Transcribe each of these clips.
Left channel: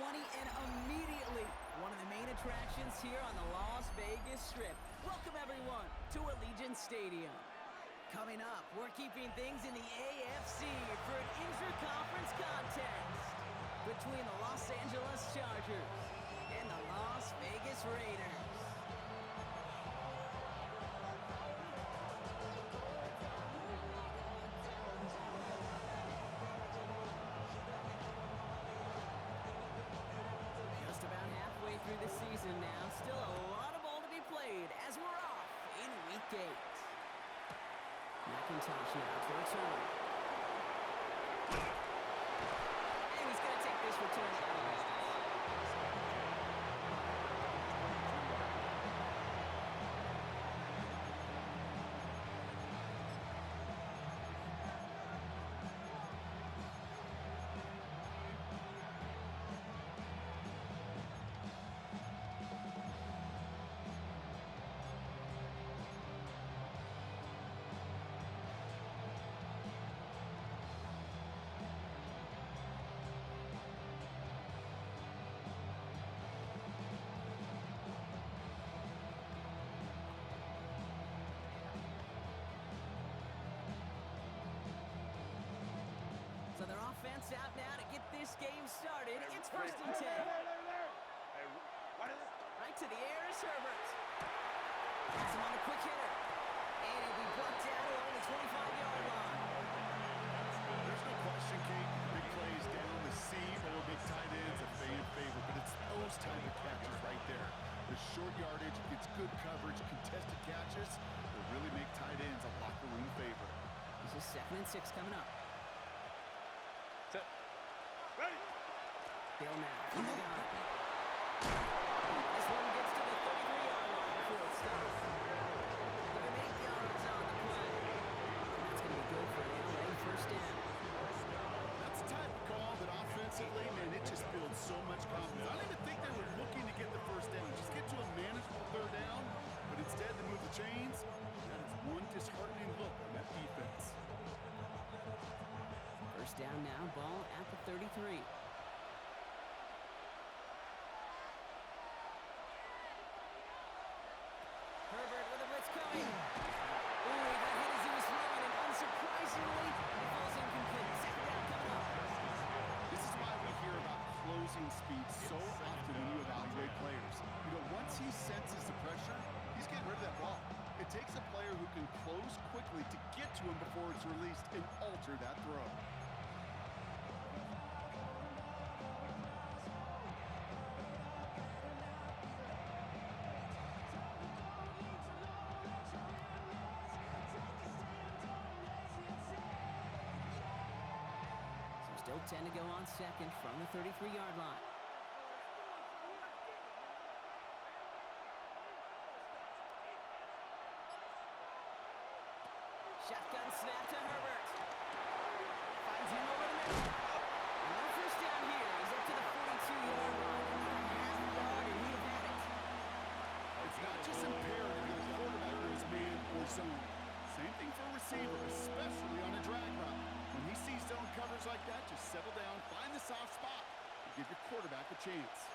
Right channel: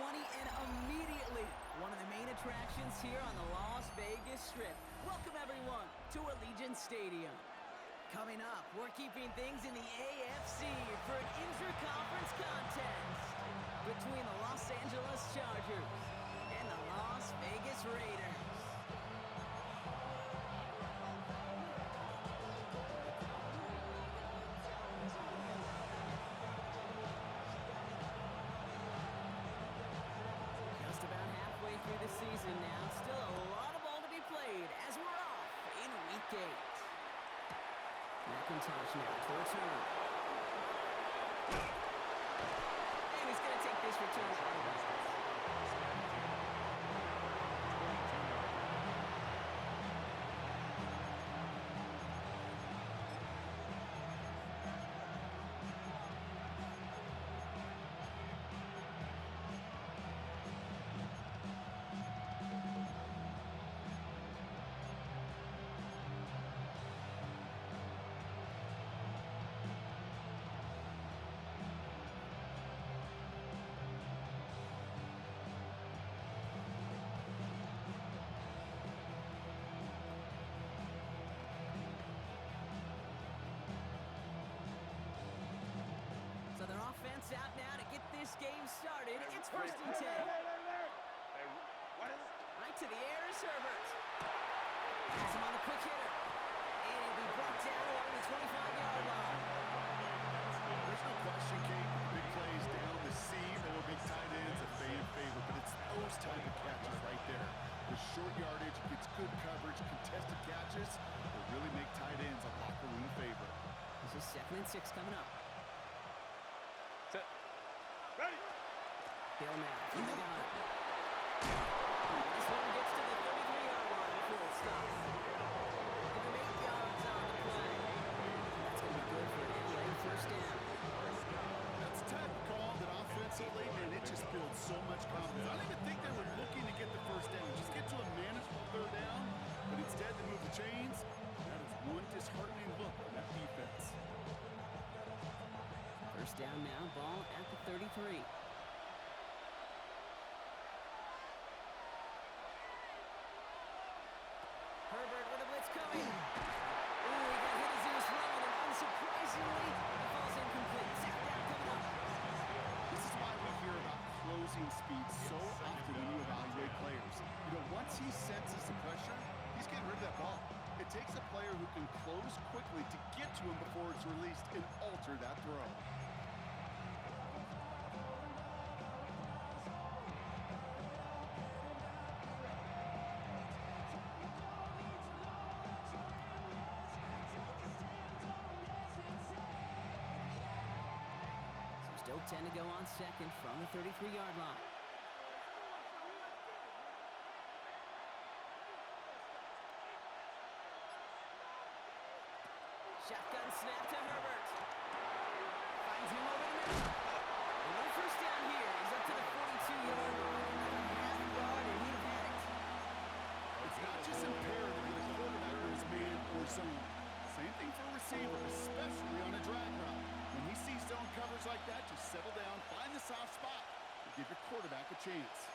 20, and immediately one of the main attractions here on the Las Vegas Strip. Welcome, everyone, to Allegiant Stadium. Coming up, we're keeping things in the AFC for an intra-conference contest between the Los Angeles Chargers and the Las Vegas Raiders. Just about halfway through the season now. Still a lot of ball to be played as we're off in Week 8. McIntosh now to return. And he's going to take this return out of bounds. So their offense out now to get this game started. It's first and 10. Hey, what is it? Right to the air is Herbert. Has him on a quick hitter. And he'll be brought down along the 25-yard line. There's no question, Kate, big plays down the seam or big tight ends a fan favorite, but it's those type of catches right there. The short yardage gets good coverage, contested catches that really make tight ends a locker room favorite. This is 2nd and 6 coming up. Set. Ready. Bill now from the gun. This one gets to the 33-yard line before it stops. Give him 8 yards on the play. And that's going to be good for an LA first down. That's the type of call that offensively, man, it just builds so much confidence. I don't even think they were looking to get the first down. Just get to a manageable 3rd down, but instead they move the chains. That is one disheartening look on that defense. First down now, ball at the 33. Herbert with a blitz coming. Ooh, he got hit as he was throwing, and unsurprisingly, it falls incomplete. 2nd down coming up. This is why we hear about closing speed so often when you evaluate players. You know, once he senses the pressure, he's getting rid of that ball. It takes a player who can close quickly to get to him before it's released and alter that throw. Still 10 to go on 2nd from the 33-yard line. Shotgun snap to Herbert. Finds him over the middle. And no first down here. He's up to the 42-yard line. Another half yard, and he'd have had it. It's not just imperative that a quarterback goes man or zone. Same thing for a receiver, especially on a drag route. When he sees zone coverage like that, just settle down, find the soft spot, and give your quarterback a chance.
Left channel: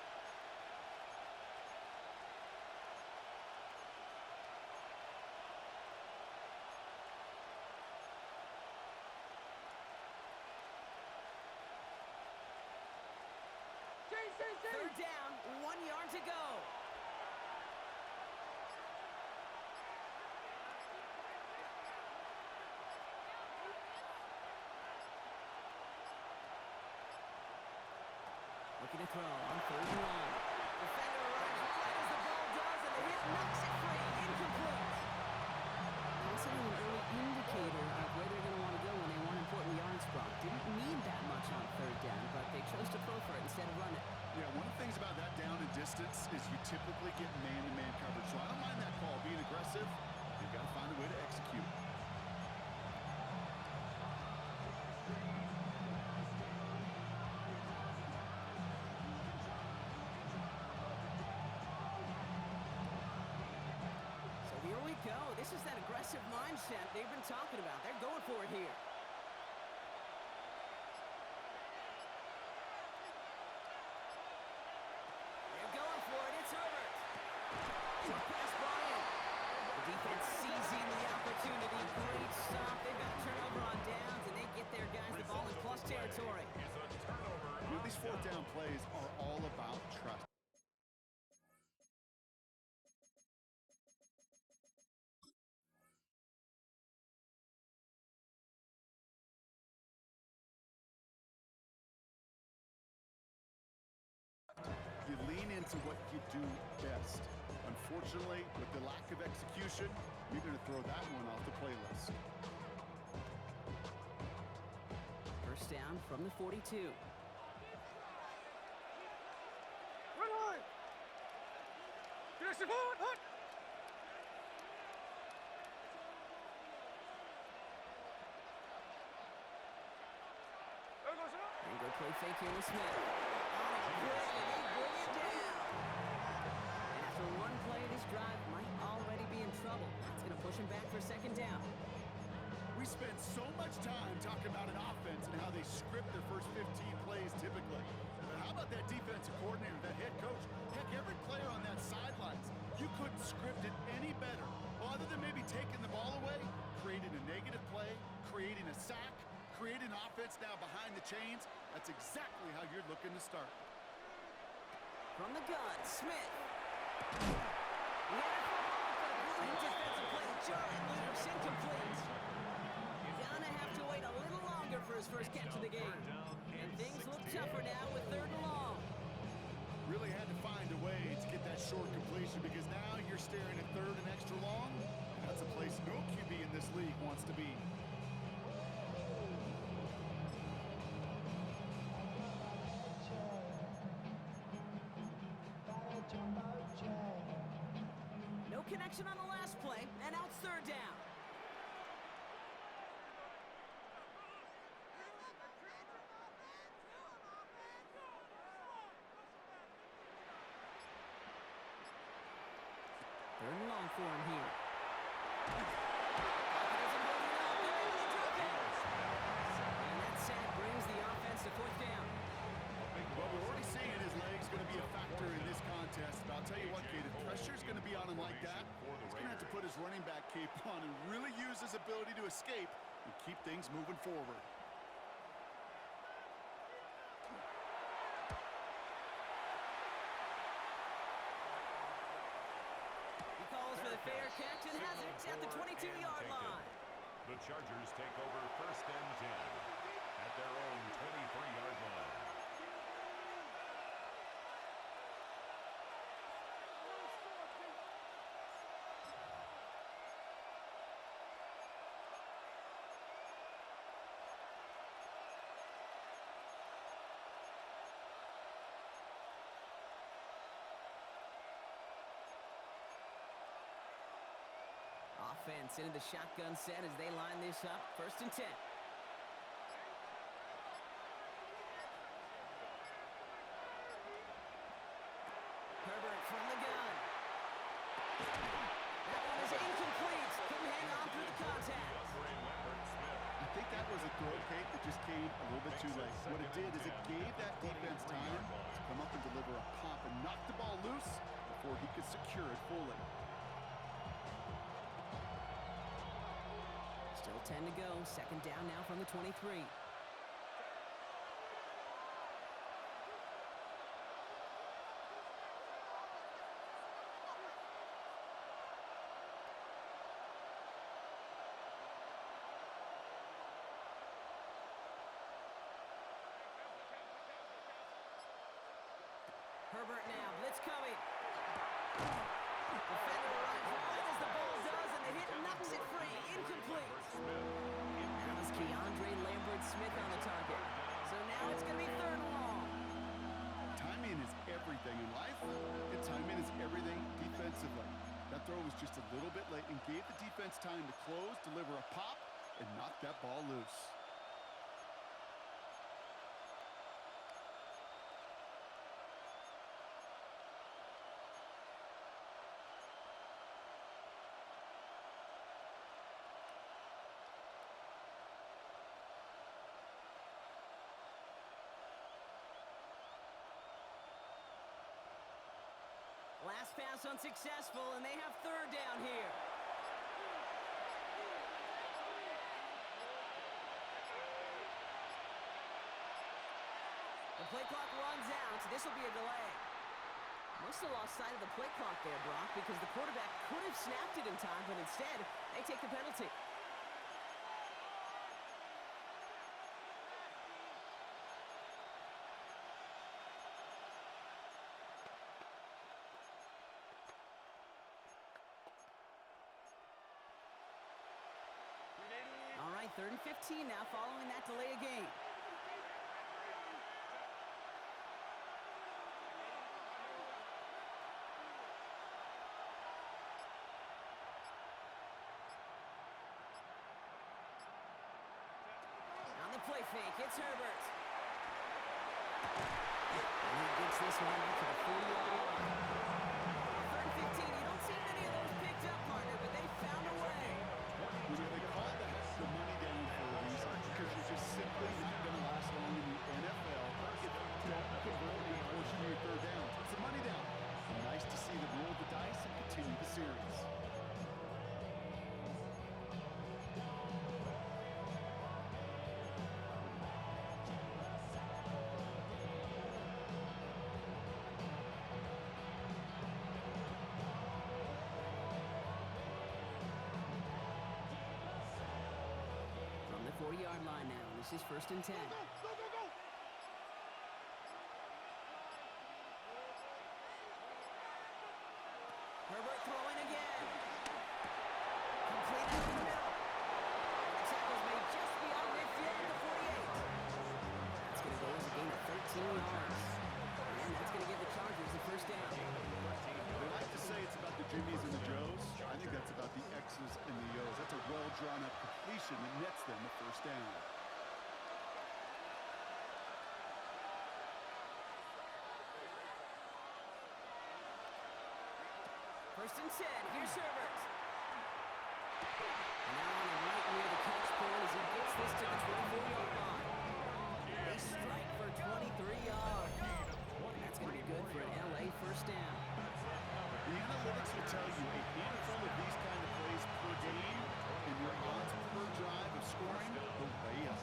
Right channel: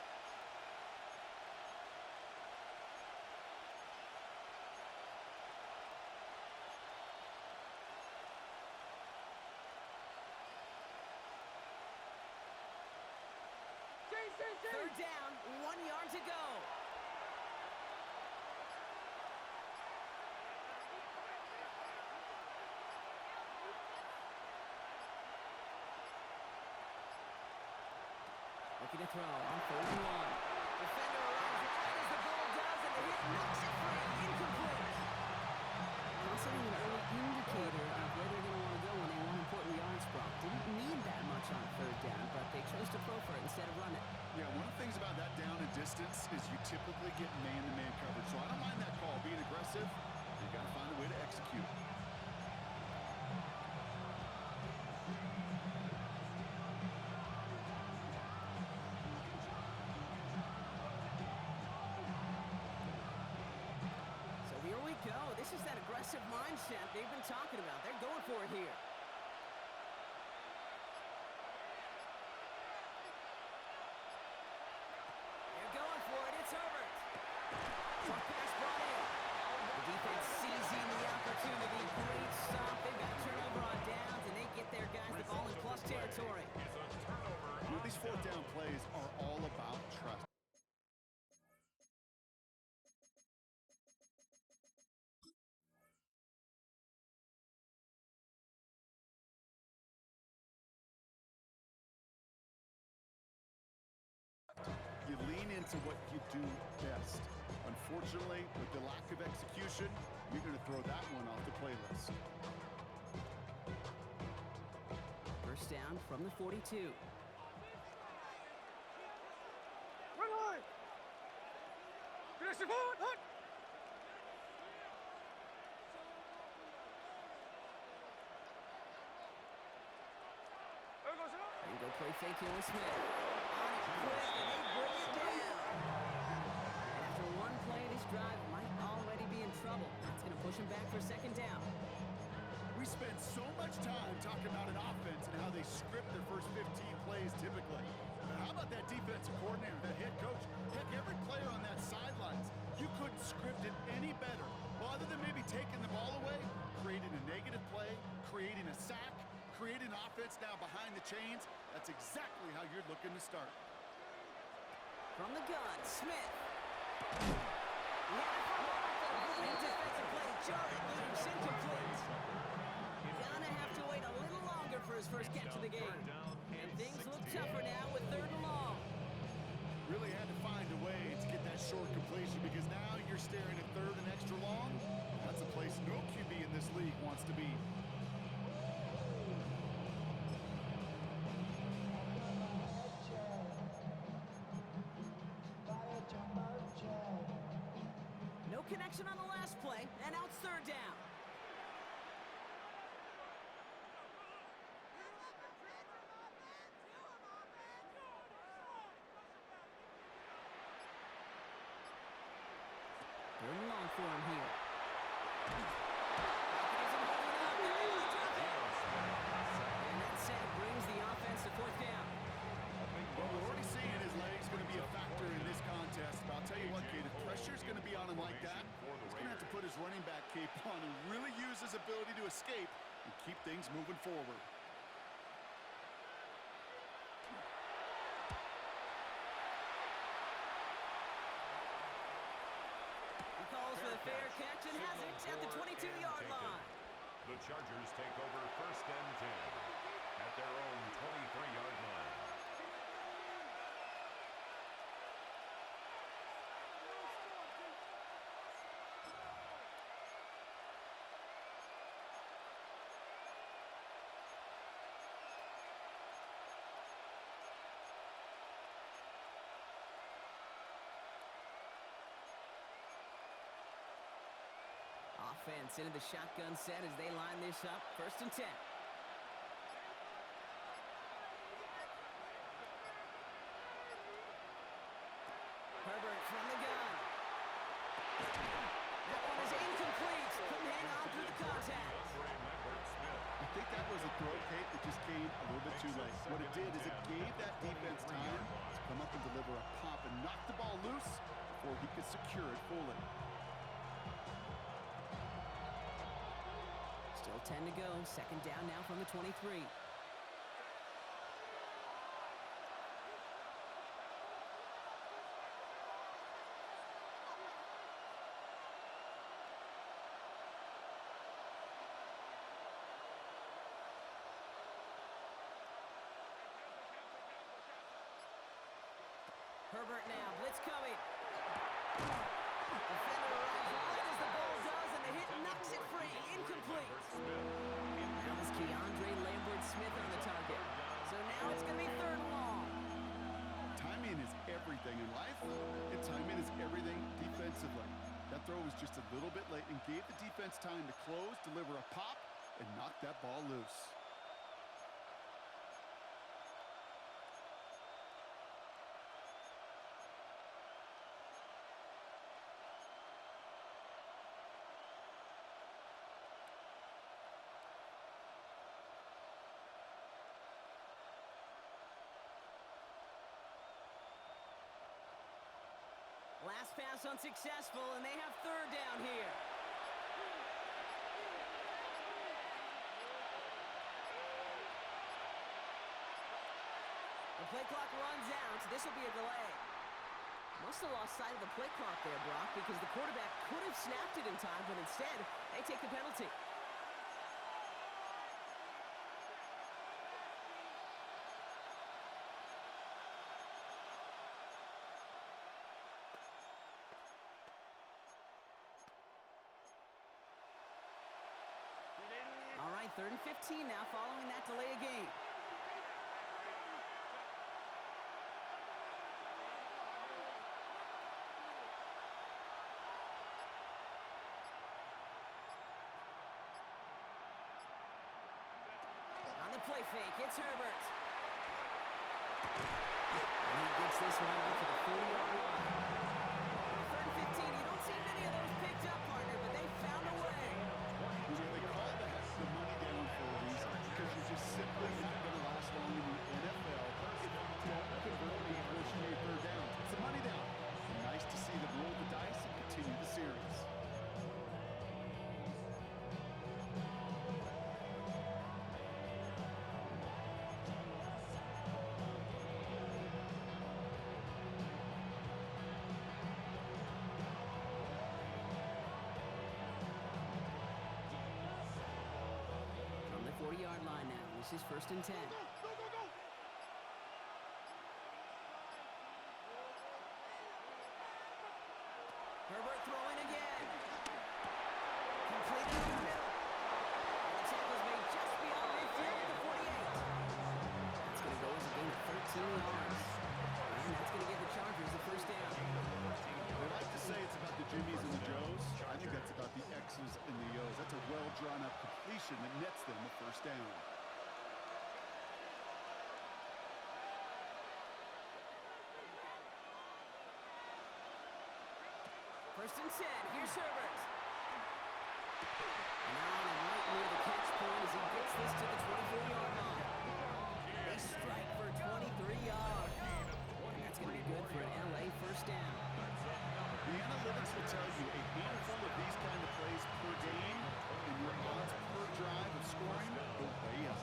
Third down, 1 yard to go. Looking to throw on 3rd and 1. Defender arrives right as the ball does, and the hit knocks it free. Incomplete. Possibly an early indicator of where they're going to want to go when they want important yards, Brock. Didn't need that much on 3rd down, but they chose to throw for it instead of run it. Yeah, one of the things about that down and distance is you typically get man-to-man coverage. So I don't mind that call. Being aggressive, you've got to find a way to execute. Here we go. This is that aggressive mindset they've been talking about. They're going for it here. It's Herbert. Short pass brought in. The defense seizing the opportunity. Great stop. They've got a turnover on downs, and they get their guys the ball in plus territory. These fourth down plays are all about trust. You lean into what you do best. Unfortunately, with the lack of execution, you're going to throw that one off the playlist. First down from the 42. Run hard. Finish it forward. Hut. And go play fake here with Smith. On it quick, and they bring it down. And after one play, this drive might already be in trouble. That's going to push him back for second down. We spend so much time talking about an offense and how they script their first 15 plays typically. But how about that defensive coordinator, that head coach? Heck, every player on that sidelines, you couldn't script it any better. Well, other than maybe taking the ball away, creating a negative play, creating a sack, creating offense now behind the chains. That's exactly how you're looking to start. From the gun, Smith. He had it for a moment, but a brilliant defensive play. Jarrett leaves incomplete. Gonna have to wait a little longer for his first catch of the game. And things look tougher now with third and long. Really had to find a way to get that short completion because now you're staring at third and extra long. That's a place no QB in this league wants to be. No connection on the last play, and now it's third down. Third and long for him here. Falcon isn't holding up. They're able to drop it. And that sack brings the offense to fourth down. Well, we're already seeing his legs going to be a factor in this contest. But I'll tell you what, Kate, if pressure's going to be on him like that, he's going to have to put his running back cape on and really use his ability to escape and keep things moving forward. He calls for the fair catch and has it at the 22-yard line. The Chargers take over first and 10 at their own 23-yard line. Offense into the shotgun set as they line this up. First and 10. Herbert from the gun. That one is incomplete. Couldn't hang on through the contact. I think that was a throw, Kate, that just came a little bit too late. What it did is it gave that defense time to come up and deliver a pop and knock the ball loose before he could secure it fully. Still 10 to go. Second down now from the 23. Herbert now, blitz coming. Defender arrives right as the ball does, and the hit knocks it free. Incomplete. That was Keandre Lambert-Smith on the target. So now it's going to be third and long. Timing is everything in life, and timing is everything defensively. That throw was just a little bit late and gave the defense time to close, deliver a pop, and knock that ball loose. Last pass unsuccessful, and they have third down here. The play clock runs out. This will be a delay. Must have lost sight of the play clock there, Brock, because the quarterback could have snapped it in time, but instead, they take the penalty. All right, 3rd and 15 now following that delay of game. On the play fake, it's Herbert. And he gets this one up to the 40-yard line. 3rd and 15, you don't see many of those picked up, partner, but they found a way. You know, they call that the money down for a reason, because you're just simply not going to last long in the NFL if you don't convert a big portion of your third down. It's a money down. Nice to see them roll the dice and continue the series. From the 40-yard line now, this is 1st and 10. Go, go, go! Herbert throwing again. Completed in the middle. And the tackle's made just beyond midfield at the 48. That's going to go as a gain of 13 yards. And that's going to give the Chargers the first down. They like to say it's about the Jimmies and the Joes. I think that's about the X's and the O's. That's a well-drawn-up completion that nets them the first down. First and 10. Here's Herbert. And now on him right near the catch point as he gets this to the 24-yard line. They strike for 23 yards. And that's going to be good for an LA first down. The analytics will tell you a handful of these kind of plays per game, and your odds per drive of scoring go way up.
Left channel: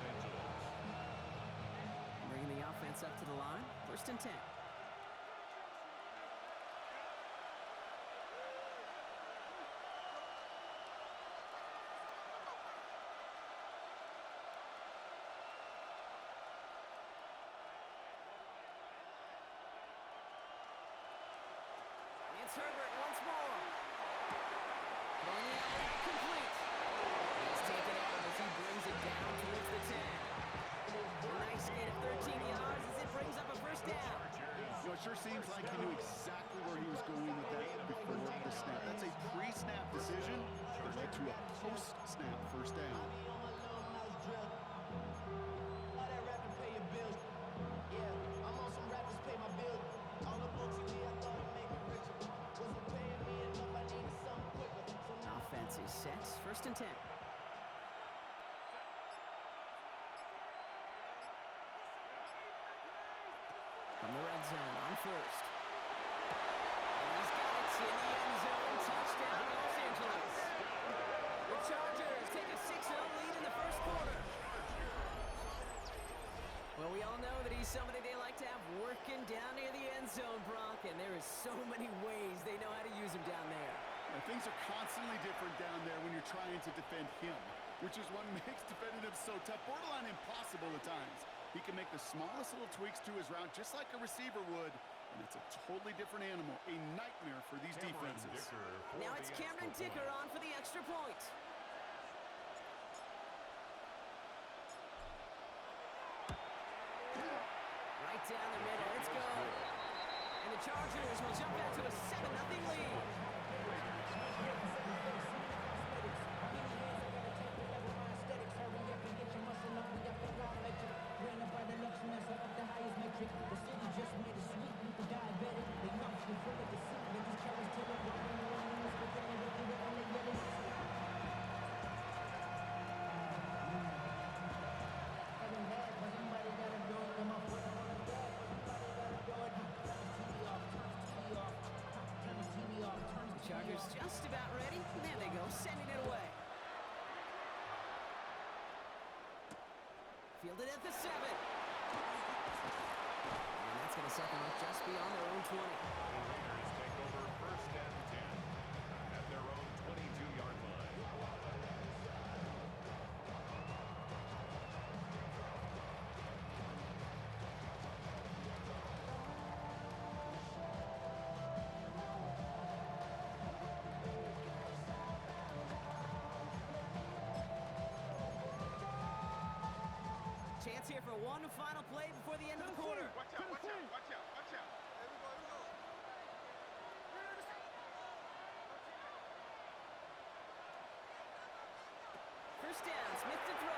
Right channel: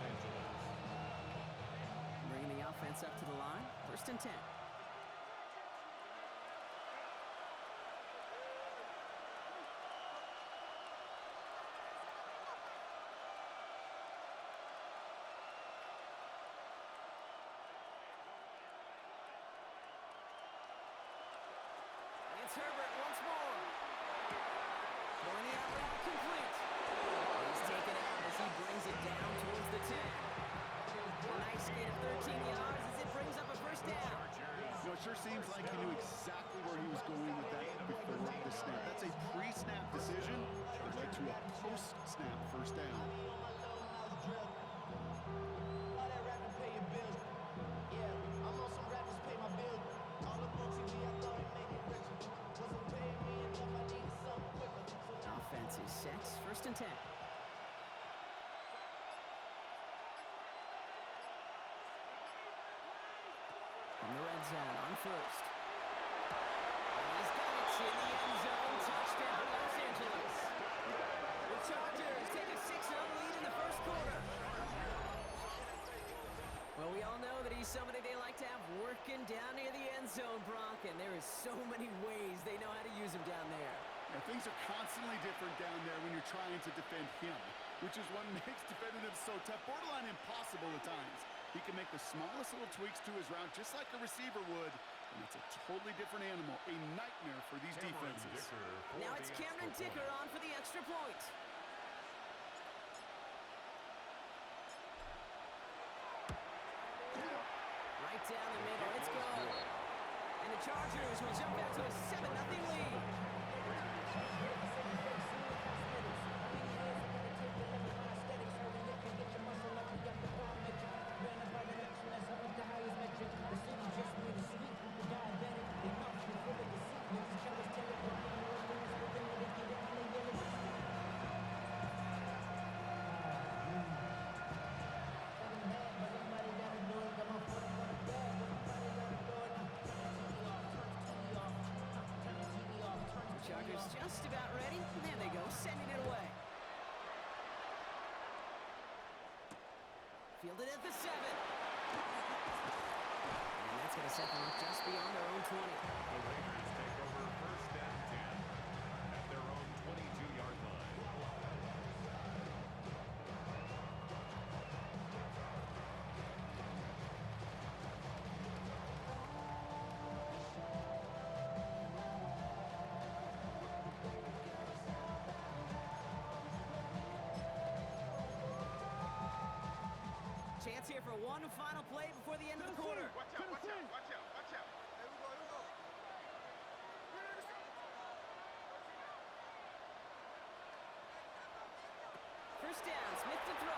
Bringing the offense up to the line. 1st and 10. It's Herbert once more. Throwing the out route complete. He's taken out as he brings it down towards the 10. A nice gain of 13 yards as it brings up a first down. You know, it sure seems like he knew exactly where he was going with that before the snap. That's a pre-snap decision that led to a post-snap first down. Offense is set. 1st and 10. From the red zone on 1st. And he's got it in the end zone. Touchdown, Los Angeles. The Chargers take a 6-0 lead in the first quarter. Well, we all know that he's somebody they like to have working down near the end zone, Brock, and there is so many ways they know how to use him down there. Now, things are constantly different down there when you're trying to defend him, which is what makes defending him so tough, borderline impossible at times. He can make the smallest little tweaks to his route just like a receiver would, and it's a totally different animal, a nightmare for these defenses. Now it's Cameron Dicker on for the extra point. Right down the middle, it's good. And the Chargers will jump out to a 7-0 lead. The city just made it sweet, people diabetic, they mouths full of deceit. Niggas cowards tell it, but they know what news, but then they get it and they yell it. Nothing bad, but somebody gotta do it. Come on, put up on a dad, but somebody gotta do it. Turn the TV off, turn the TV off. Turn the Chargers just about ready. There they go, sending it away. Fielded at the 7. And that's going to set them up just beyond their own 20. The Raiders take over 1st and 10 at their own 22-yard line. Chance here for one final play before the end of the quarter. Watch out, watch out, watch out, watch out. Here we go, here we go. First down, Smith to throw.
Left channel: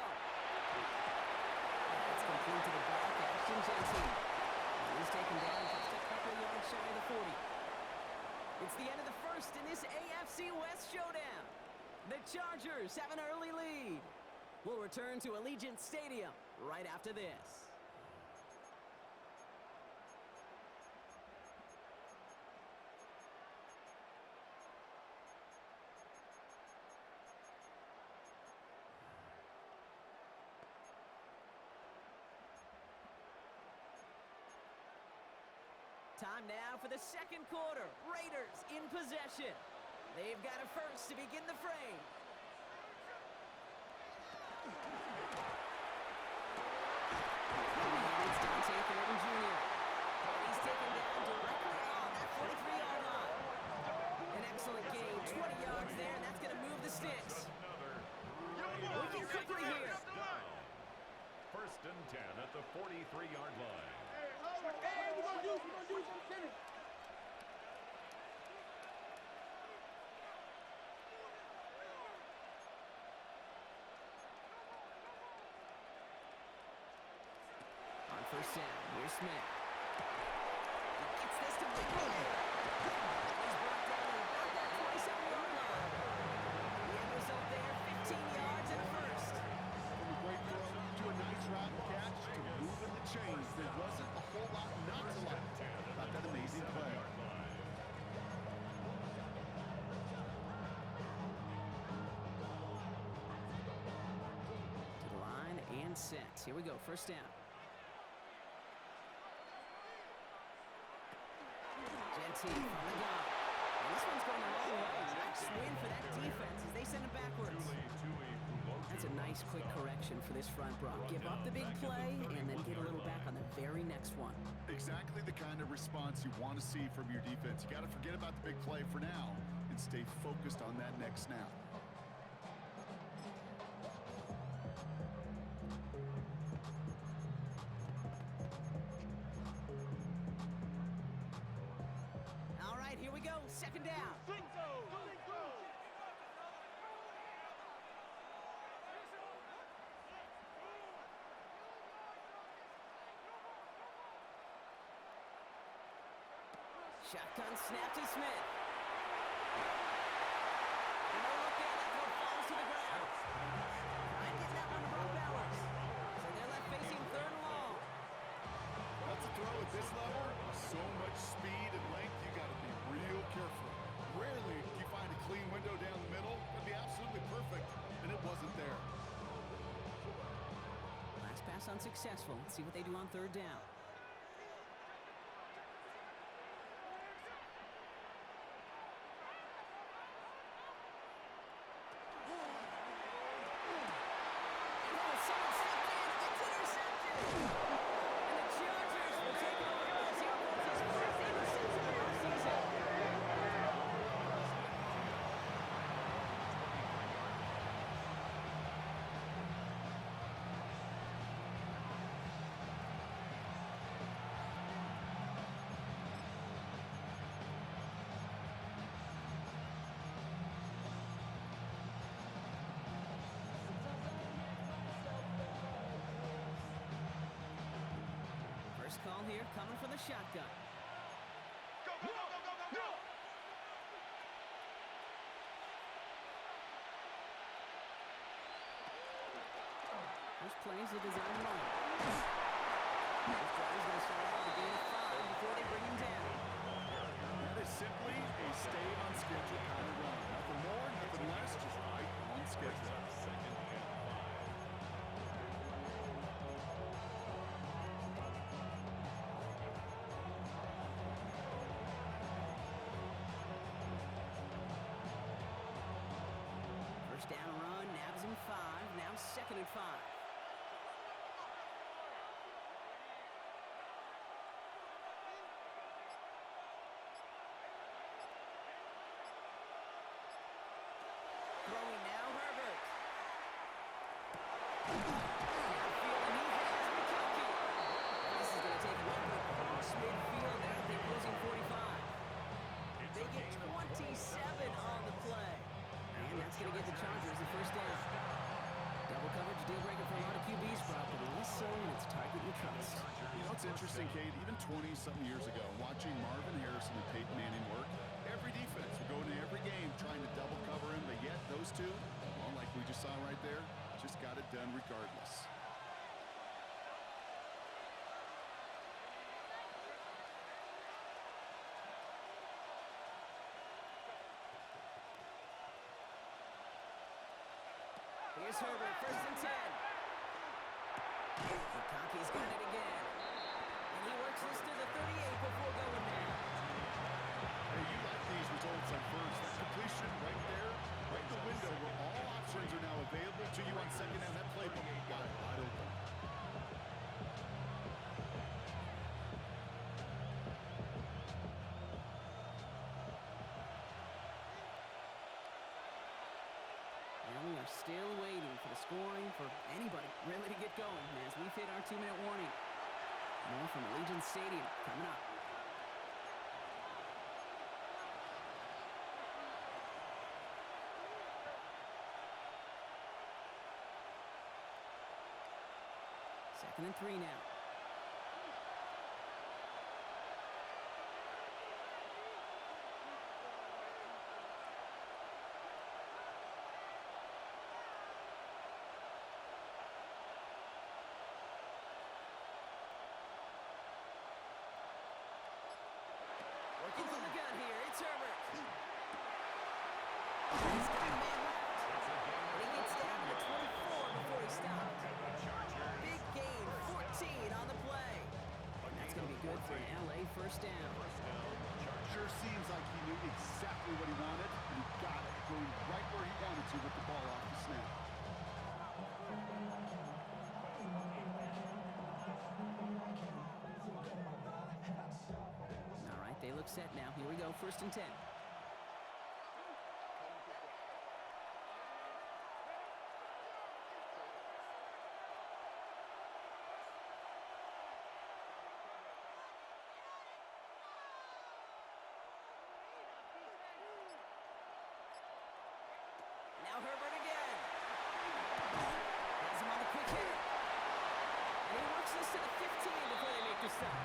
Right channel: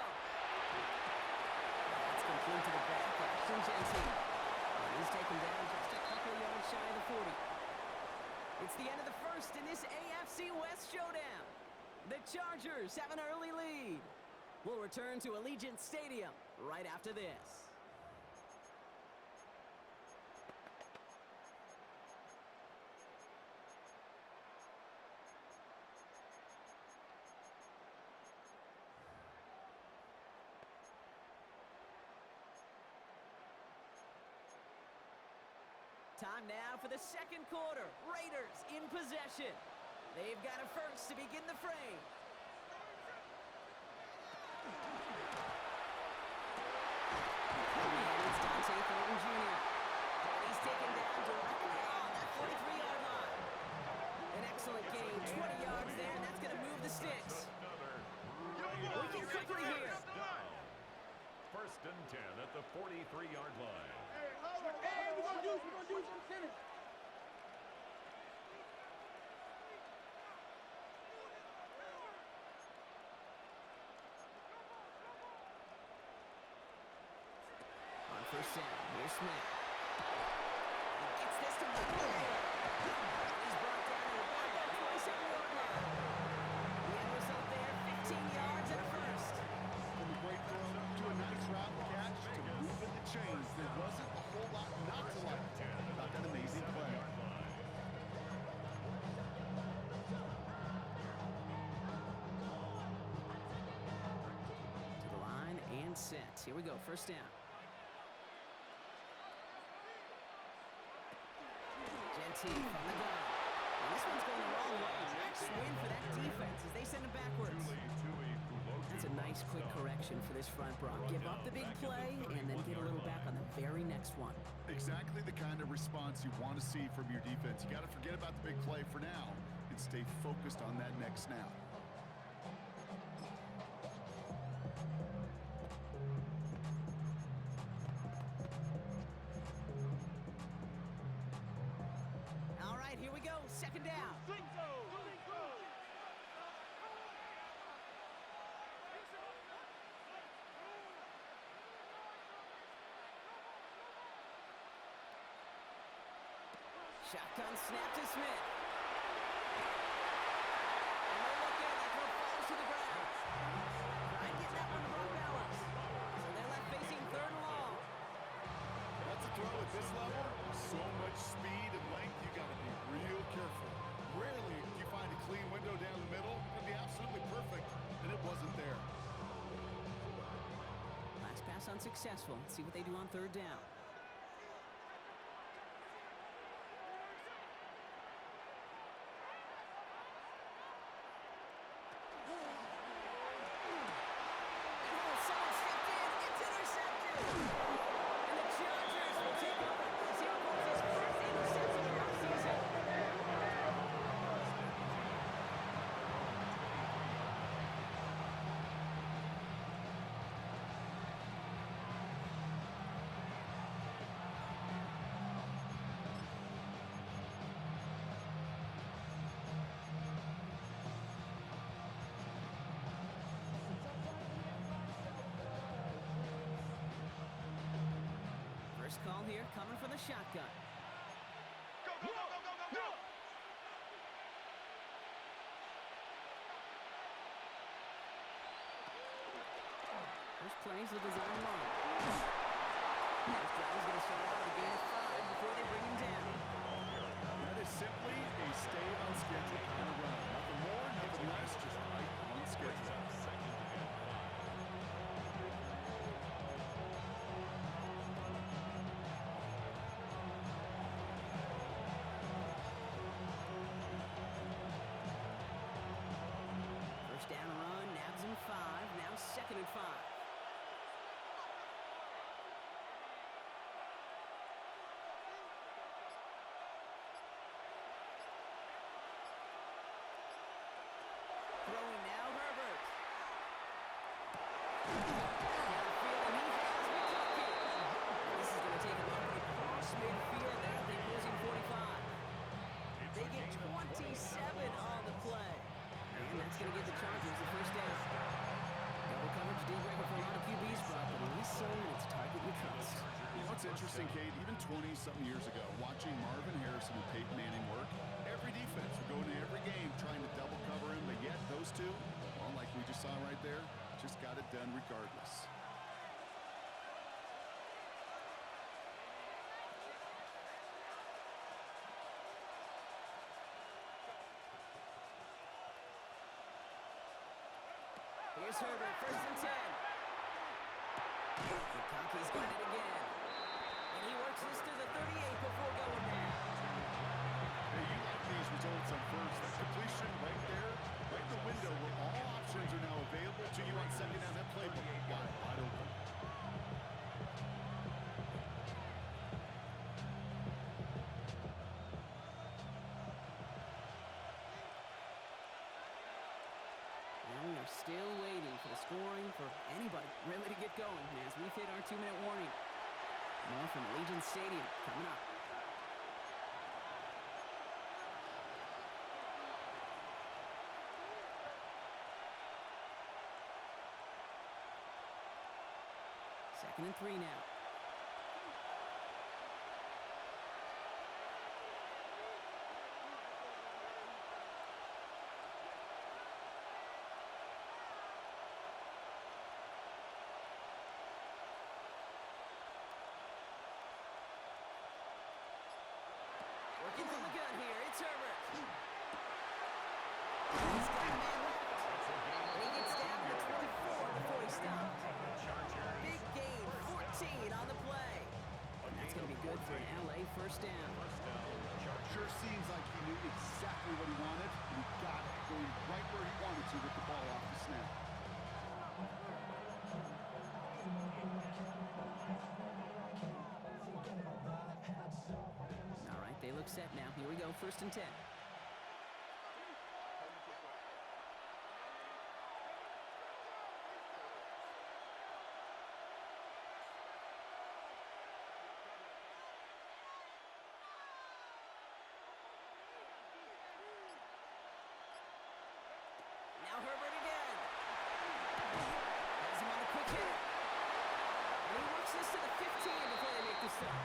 That's complete to the back, Ashton Jensen. And he's taken down just a couple of yards shy of the 40. It's the end of the first in this AFC West showdown. The Chargers have an early lead. We'll return to Allegiant Stadium right after this. Time now for the second quarter. Raiders in possession. They've got it first to begin the frame. And it's Dante Thornton Jr. And he's taken down directly on that 43-yard line. An excellent gain, 20 yards there, and that's going to move the sticks. Working quickly here. First and 10 at the 43-yard line. Hey, we're gonna use some center. On first down, here's Smith. He gets this to McCoy. And he's brought down at about that 27-yard line. The end result there, 15 yards and a first. From a great throw to a nice route catch to moving the chains, there wasn't a whole lot not to like about that amazing play. To the line and set. Here we go, first down. Genty from the gun. And this one's going the wrong way. Nice win for that defense as they send it backwards. That's a nice quick correction for this front, Brock. Give up the big play and then get a little back on the very next one. Exactly the kind of response you want to see from your defense. You got to forget about the big play for now and stay focused on that next snap. All right, here we go. Second down. Shotgun snap to Smith. And no look there. That throw falls to the ground. Try and get that one to Brock Bowers. So they're left facing third and long. That's a throw at this level. So much speed and length, you got to be real careful. Rarely do you find a clean window down the middle. It'd be absolutely perfect, and it wasn't there. Last pass unsuccessful. Let's see what they do on third down. Someone stepped in. It's intercepted. And the Chargers will take over. Zero goals, his first interception of our season. First call here coming from the shotgun. Go, go, go, go, go, go, go! First play's the design run. This drive is going to start out with a gain of 5 before they bring him down. That is Just simply a stay on schedule kind of run. Nothing more, nothing less, just right on schedule. Second and 5. First down run, nabs him 5. Now second and 5. Throwing now, Herbert. Downfield, and he has McConkey. This is going to take him up and across midfield at the opposing 45. They get 27 on the play. And that's going to give the Chargers the first down. Double coverage deal breaker for a lot of QBs, Brock, but less so when it's target you trust. You know, it's interesting, Kate, even 20-something years ago, watching Marvin Harrison and Peyton Manning work, every defense would go into every game trying to double cover him, but yet those two, well, like we just saw right there, just got it done regardless. Here's Herbert, first and 10. McConkey's got it again. And he works this to the 38 before going down. Hey, you like these results on first. That completion right there, right in the window where all options are now available to you on second down. That playbook wide open. And we are still waiting for the scoring for anybody really to get going as we've hit our 2-minute warning. More from Allegiant Stadium coming up. Second and 3 now. Working from the gun here, it's Herbert. He's got a man left. And he gets down to the 24 before he stops. Big gain, 14 on the play. And that's going to be good for an LA first down. Sure seems like he knew exactly what he wanted, and he got it, going right where he wanted to with the ball off the snap. All right, they look set now. Here we go, first and 10. Now Herbert again. Has him on the quick hit. And he works this to the 15 before they make the stop.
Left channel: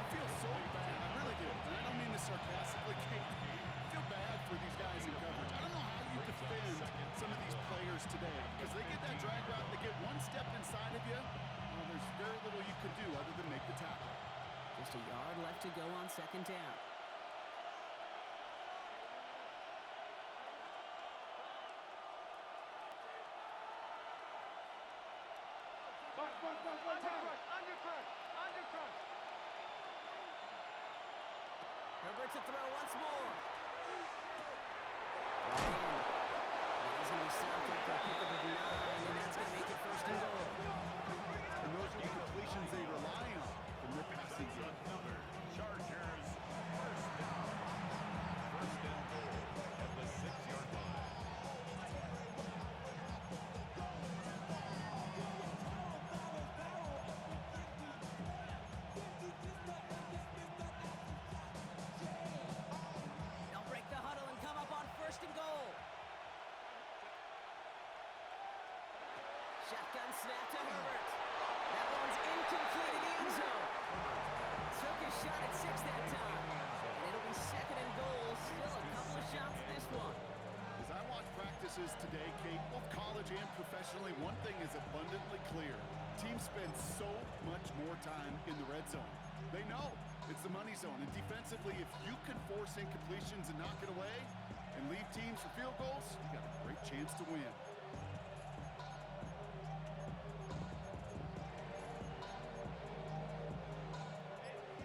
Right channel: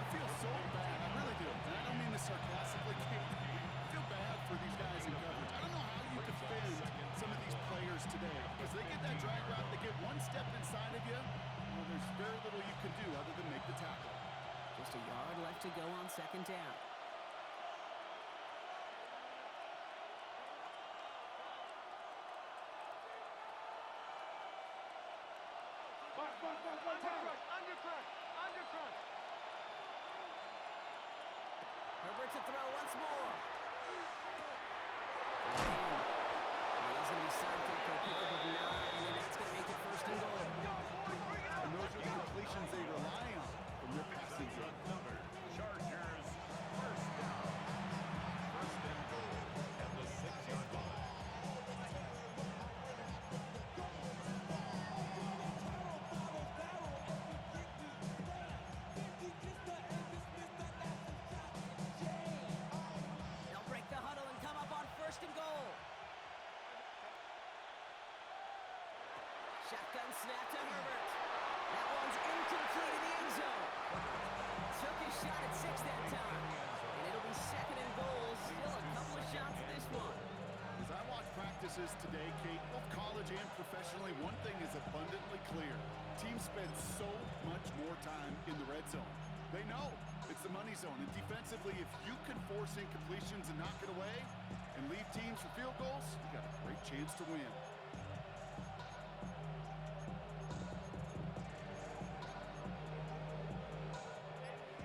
I feel so bad, I really do. And I don't mean this sarcastically, Kate. I feel bad for these guys in coverage. I don't know how you defend some of these players today, because they get that drag route, they get one step inside of you, well, there's very little you can do other than make the tackle. Just a yard left to go on second down. Undercrush. Herbert to throw once more. And he's going to be stopped after a pickup of 9, and that's going to make it first and goal. And those are the completions they rely on from their passing game. Another Chargers first down. First and goal at the 6-yard line. They'll break the huddle and come up on first and goal. Shotgun snap to Herbert. That one's incomplete in the end zone. Took his shot at 6 that time. And it'll be second and goal. Still a couple of shots at this one. As I watch practices today, Kate, both college and professionally, one thing is abundantly clear. Teams spend so much more time in the red zone. They know it's the money zone. And defensively, if you can force incompletions and knock it away and leave teams for field goals, you got a great chance to win.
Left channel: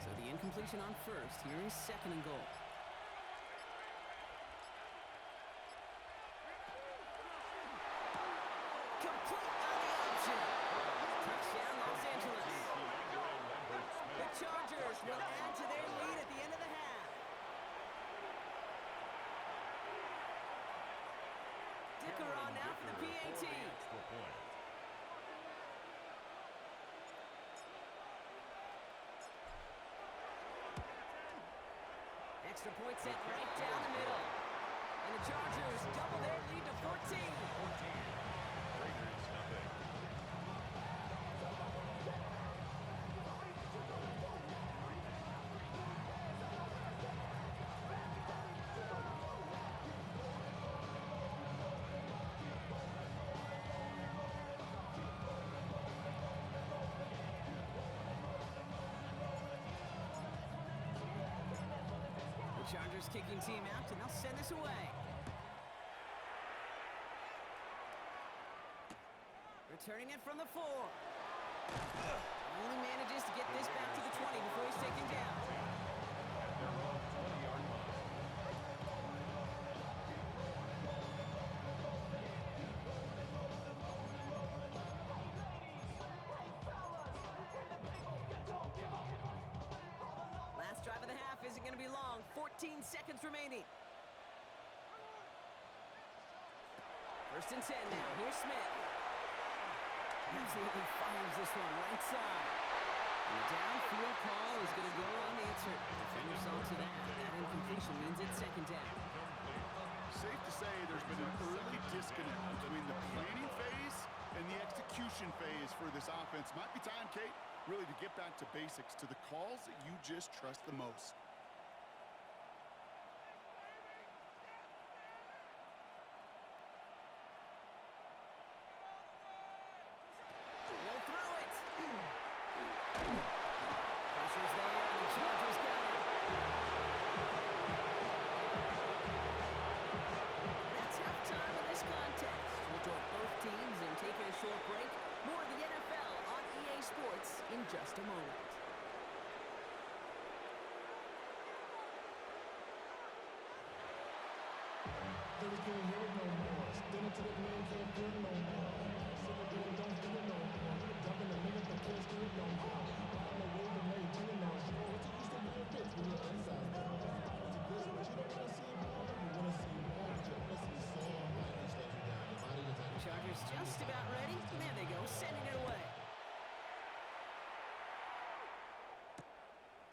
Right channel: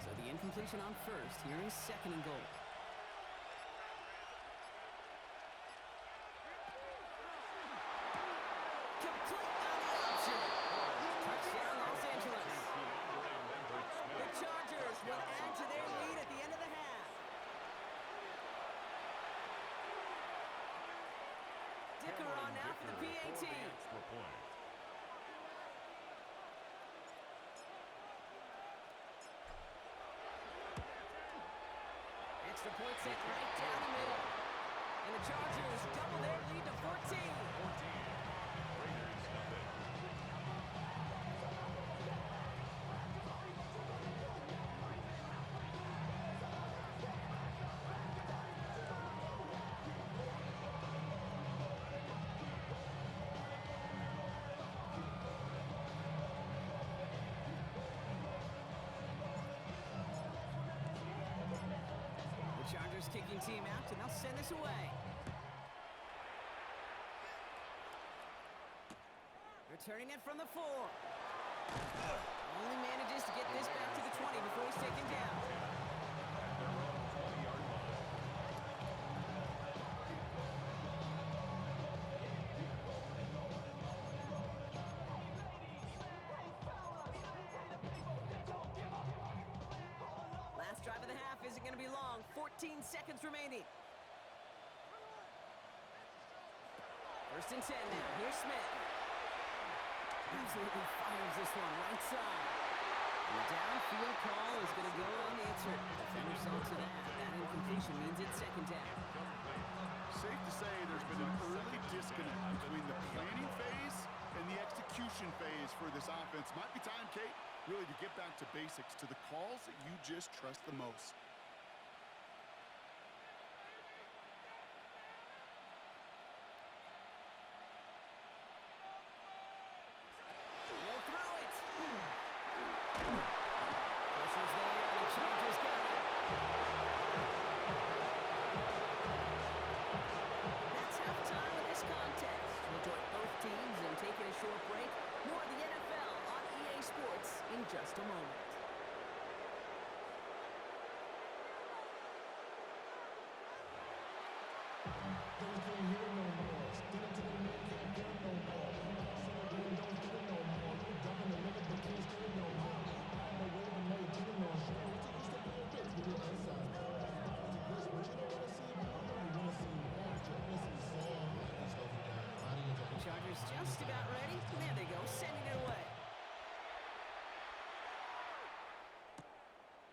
So the incompletion on first. Here is second and goal. Complete on the option. Touchdown, Los Angeles. The Chargers will add to their lead at the end of the half. Dicker on now for the PAT. Extra point. Extra point sent right down the middle. And the Chargers double their lead to 14. 14. Raiders nothing. Chargers kicking team out, and they'll send this away. Returning it from the 4. Only manages to get this back to the 20 before he's taken down. At their own 20-yard line. Last drive of the half isn't going to be long. 14 seconds remaining. First and 10 now. Here's Smith. Absolutely fires this one right side. And the downfield call is going to go unanswered. Defender saw to that. That incompletion means it's second down. Safe to say there's been an early disconnect between the planning phase and the execution phase for this offense. Might be time, Kate, really to get back to basics, to the calls that you just trust the most. He'll throw it. Pressure's there, and the Chargers got it. That's halftime of this contest. We'll join both teams in taking a short break. More of the NFL on EA Sports in just a moment. Niggas can't hear it no more. Standing to the man can't hear it no more. Sing again, don't feel it no more. You dumping the niggas but can't steer it no more. Riding the wave and now you're chilling on shore. What you used to be a bitch when you're inside. This, but you don't wanna see more. You wanna see more, but you wanna see some. Like that stuff you got in your body. Chargers just about ready. There they go, sending it away.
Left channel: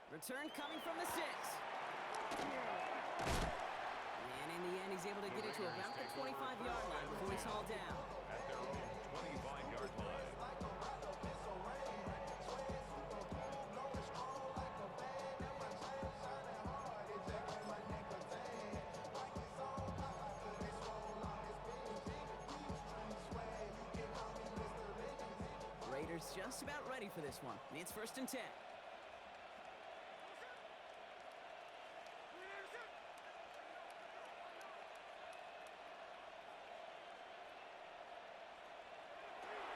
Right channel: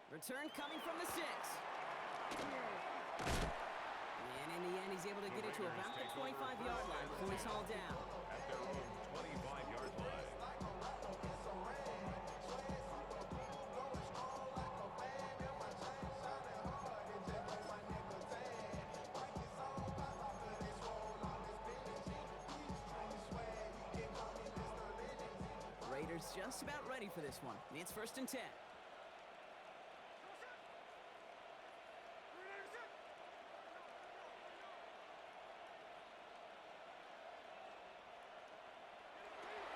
Return coming from the 6. And in the end, he's able to get it to about the 25-yard line before he's hauled down. At their own 25-yard line. Raiders just about ready for this one. It's first and 10.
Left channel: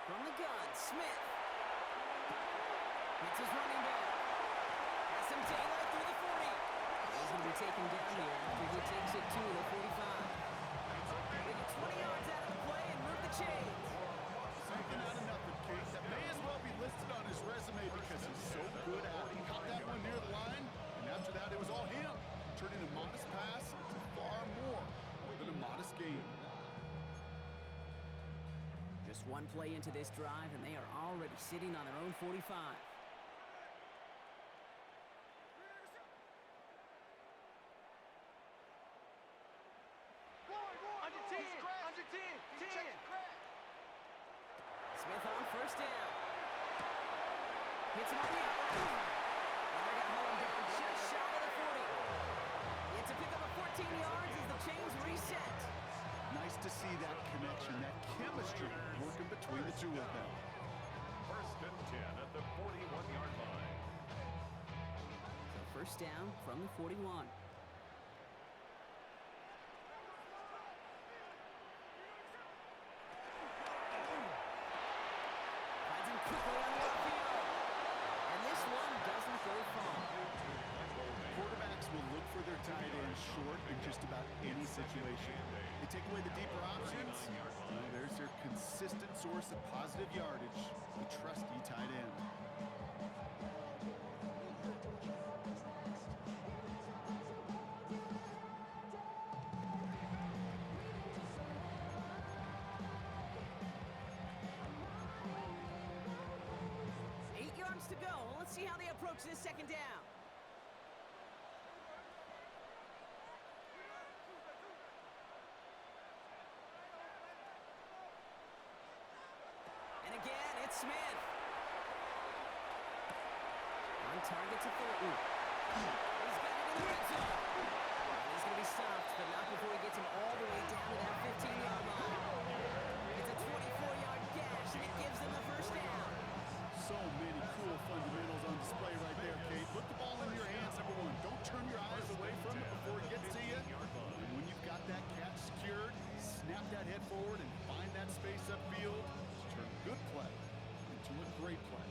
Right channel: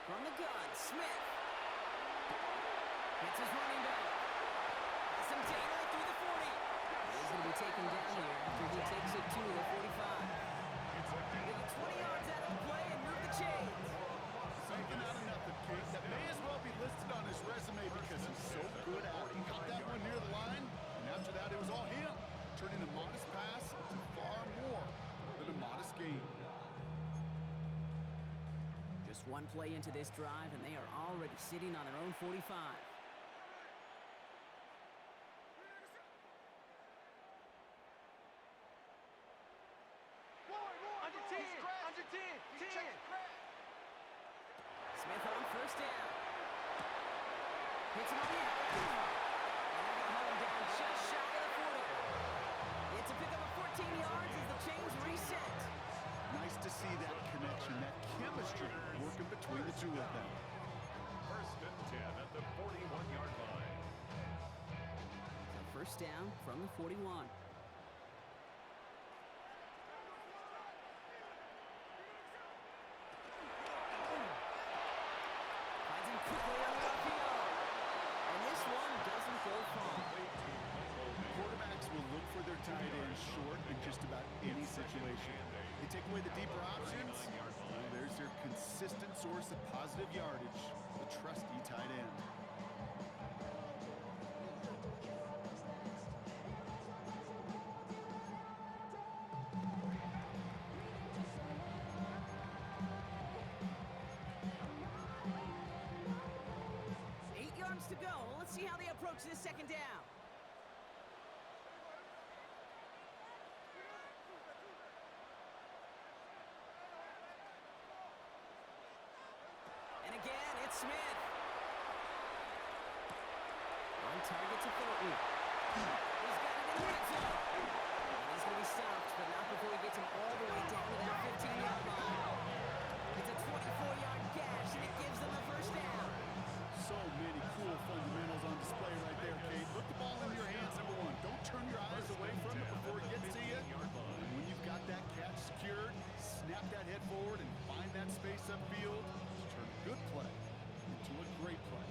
From the gun, Smith. Hits his running back. Has some daylight through the 40. He's going to be taken down here after he takes it to the 45. They get 20 yards out of the play and move the chains. Something out of nothing, Kate. That may as well be listed on his resume because he's so good at it. He caught that one near the line, and after that, it was all him. Turning a modest pass to far more than a modest gain. Just one play into this drive, and they are already sitting on their own 45. Under 10, under 10, 10. Smith on first down. Hits him on the outlet. And they're going to hold him down just shy of the 40. It's a pickup of 14 yards as the chains reset. Nice to see that connection, that chemistry working between the two of them. First and 10 at the 41-yard line. first down from the 41. Finds him quickly on the RPO. And this one doesn't go far. Quarterbacks will look for their tight end short in just about any situation. They take away the deeper options. Well, there's their consistent source of positive yardage, the trusty tight end. To go. Let's see how they approach this second down. And again, it's Smith. On target to Thornton. He's got it in the red zone. And he's going to be stopped, but not before he gets him all the way down to that 15-yard line. It's a 24-yard gash, and it gives them the first down. So many cool fundamentals on display right there, Kate. Put the ball in your hands, number one. Don't turn your eyes away from it before it gets to you. And when you've got that catch secured, snap that head forward and find that space upfield. Just turn a good play into a great play.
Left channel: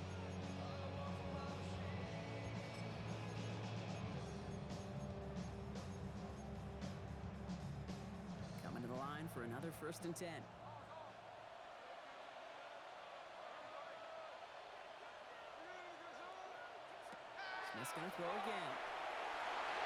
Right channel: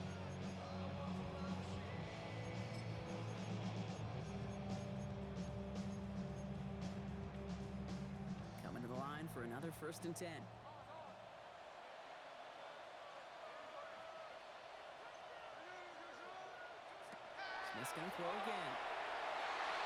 Coming to the line for another 1st and 10. Smith's going to throw again.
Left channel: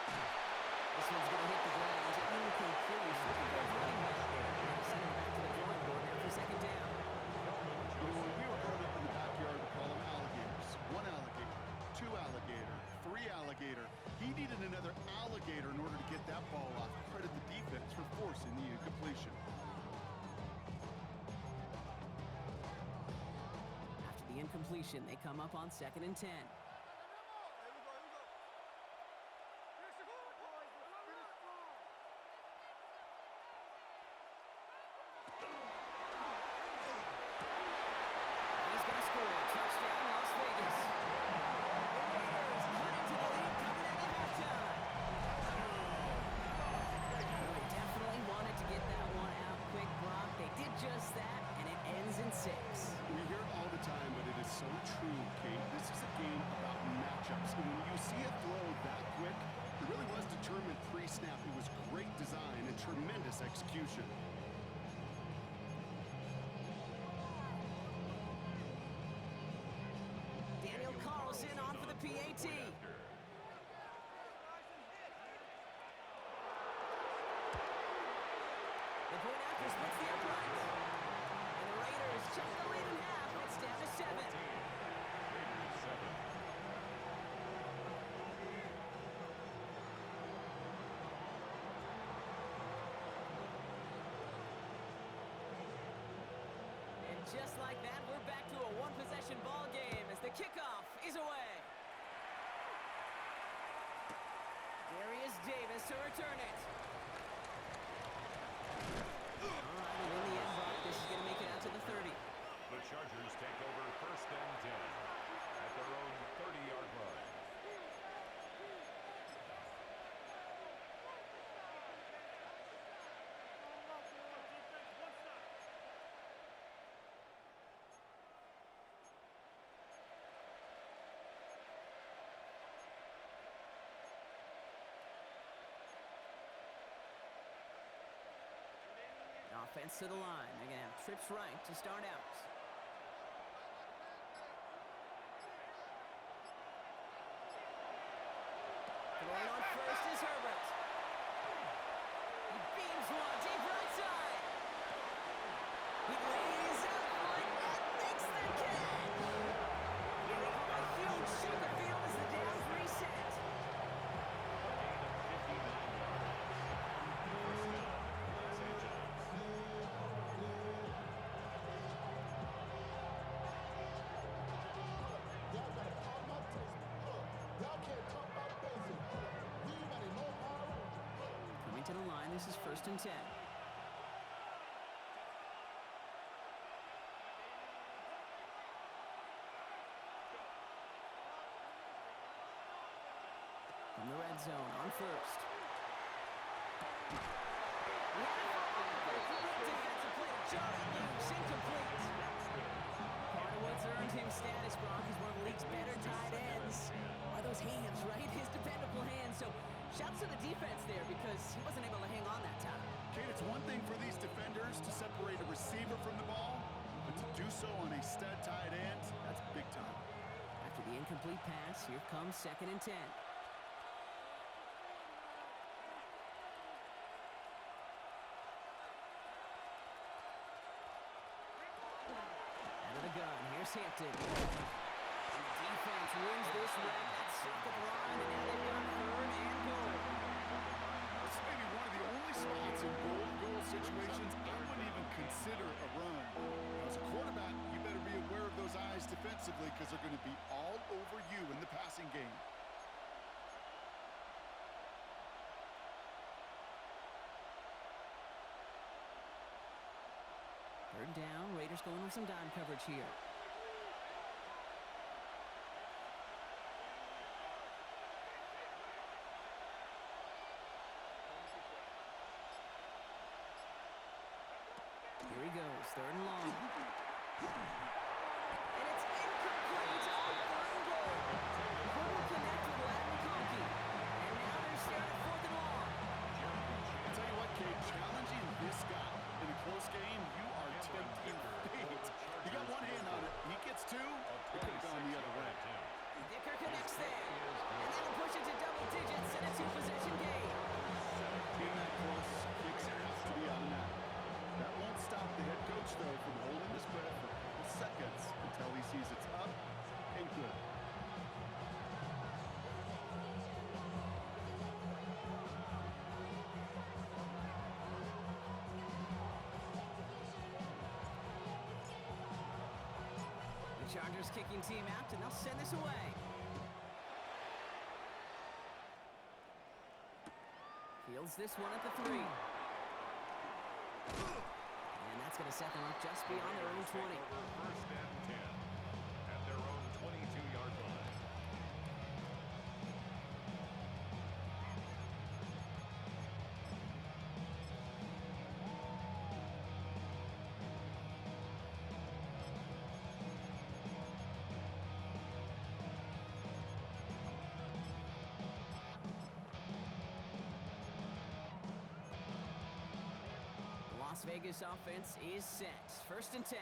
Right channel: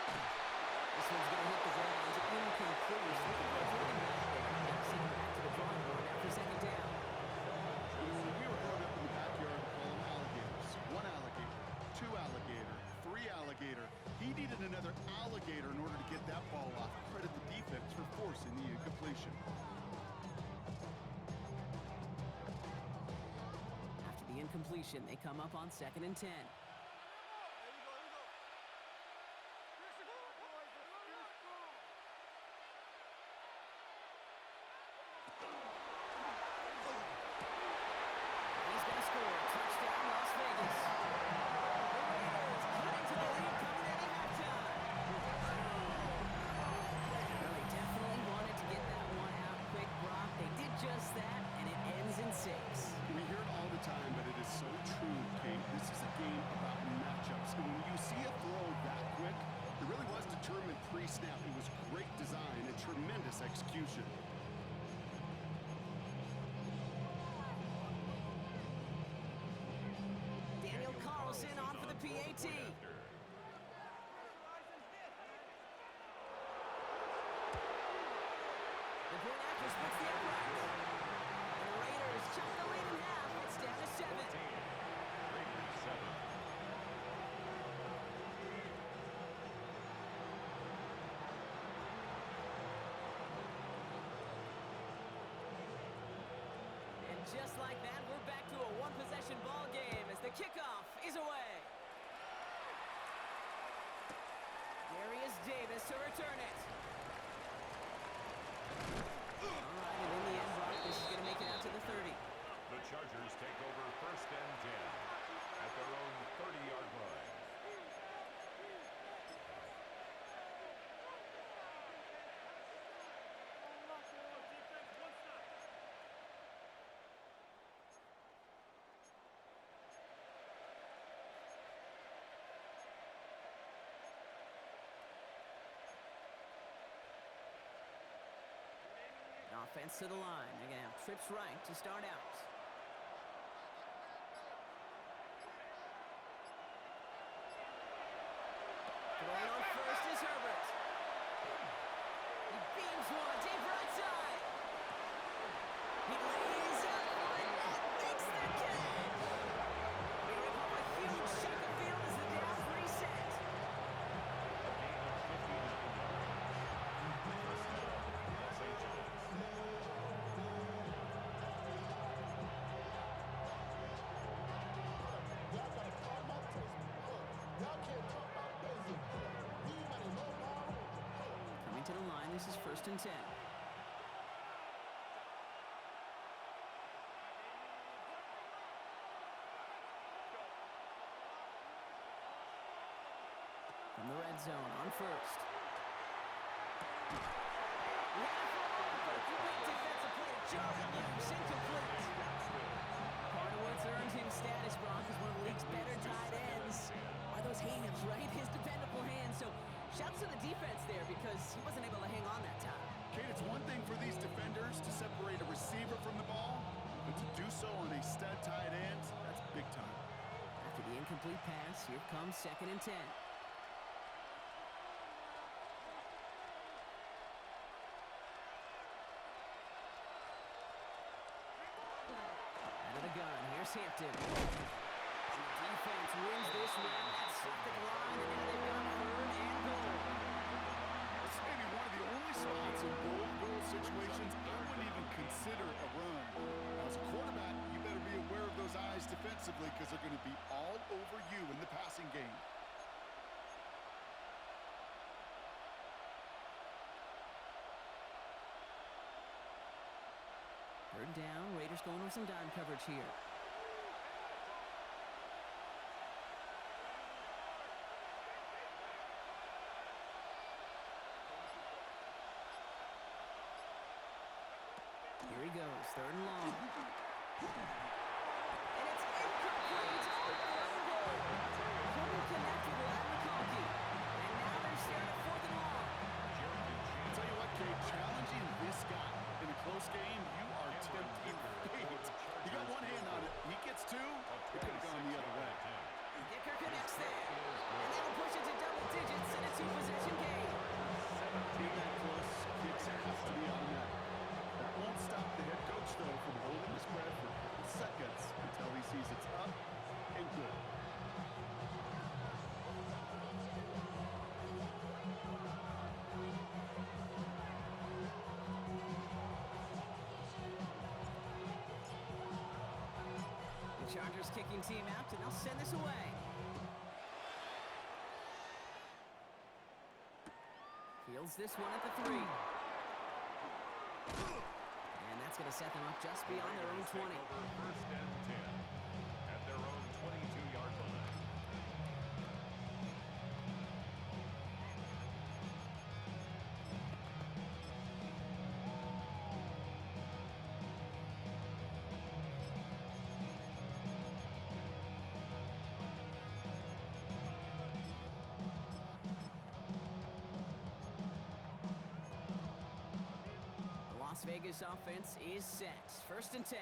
This one's going to hit the ground. Incomplete. Looking for his running back there. Now send him back to the drawing board now for 2nd down. You know, when we were growing up in the backyard, we call them alligators. 1 alligator, 2 alligator, 3 alligator. He needed another alligator in order to get that ball off. Credit the defense for forcing the incompletion. After the incompletion, they come up on 2nd and 10. Touchdown, Las Vegas. The Raiders cutting to the lead coming into halftime. Well, they definitely wanted to get that one out quick, Brock. They did just that, and it ends in 6. We hear it all the time, but it is so true, Kate. This is a game about matchups. And when you see a throw that quick, it really was determined pre-snap. It was great design and tremendous execution. Carlson on for the PAT. The point after splits the uprights. And the Raiders chunk the lead in half. It's down to 7. Raiders 7. And just like that, we're back to a one-possession ball game as the kickoff is away. Darius Davis to return it. All right, and in the end, Brock, this is going to make it out to the 30. The Chargers take over 1st and 10 at their own 30-yard line. Offense to the line. They're going to have trips right to start out. Throwing on first is Herbert. He beams one deep right side. He lays out one that makes the catch. They rip off a huge chunk of field as the downs reset. A gain of 59 yards. First down, Los Angeles. Y'all gotta calm my taste. Y'all can't talk about basic. We ain't no power. Coming to the line, this is 1st and 10. from the red zone on first. He had it for a moment, but a great defensive play to jar it loose. Incomplete. Part of what's earned him status, Brock, is one of the league's better tight ends. Are those hands, right? His dependable hands. So shouts to the defense there because he wasn't able to hang on that time. Kate, it's one thing for these defenders to separate a receiver from the ball, but to do so on a stud tight end, that's big time. After the incomplete pass, here comes 2nd and 10. Out of the gun, here's Hampton. And the defense wins this rep. That's stopped at the line, and now they've got 3rd and goal. This may be one of the only spots in goal situations I wouldn't even consider a run. Now, as a quarterback, you better be aware of those eyes defensively because they're going to be all over you in the passing game. Third down, Raiders going with some dime coverage here. Here he goes, 3rd and long. And it's incomplete on 3rd and goal. Couldn't connect with Lad McConkey. And now they're staring at 4th and long. I'll tell you what, Kate, challenging this guy in a close game, you are tempting fate. He got one hand on it. He gets 2. It could have gone the other way. Dicker connects there. And that'll push it to double digits in a 2-possession game. Being that close, kicks have to be automatic. That won't stop the head coach, though, from holding his breath for a couple seconds until he sees it's up and good. The Chargers kicking team out, and they'll send this away. Fields this one at the 3. And that's going to set them up just beyond their own 20. 1st and 10 at their own 22-yard line. Las Vegas offense is set. 1st and 10.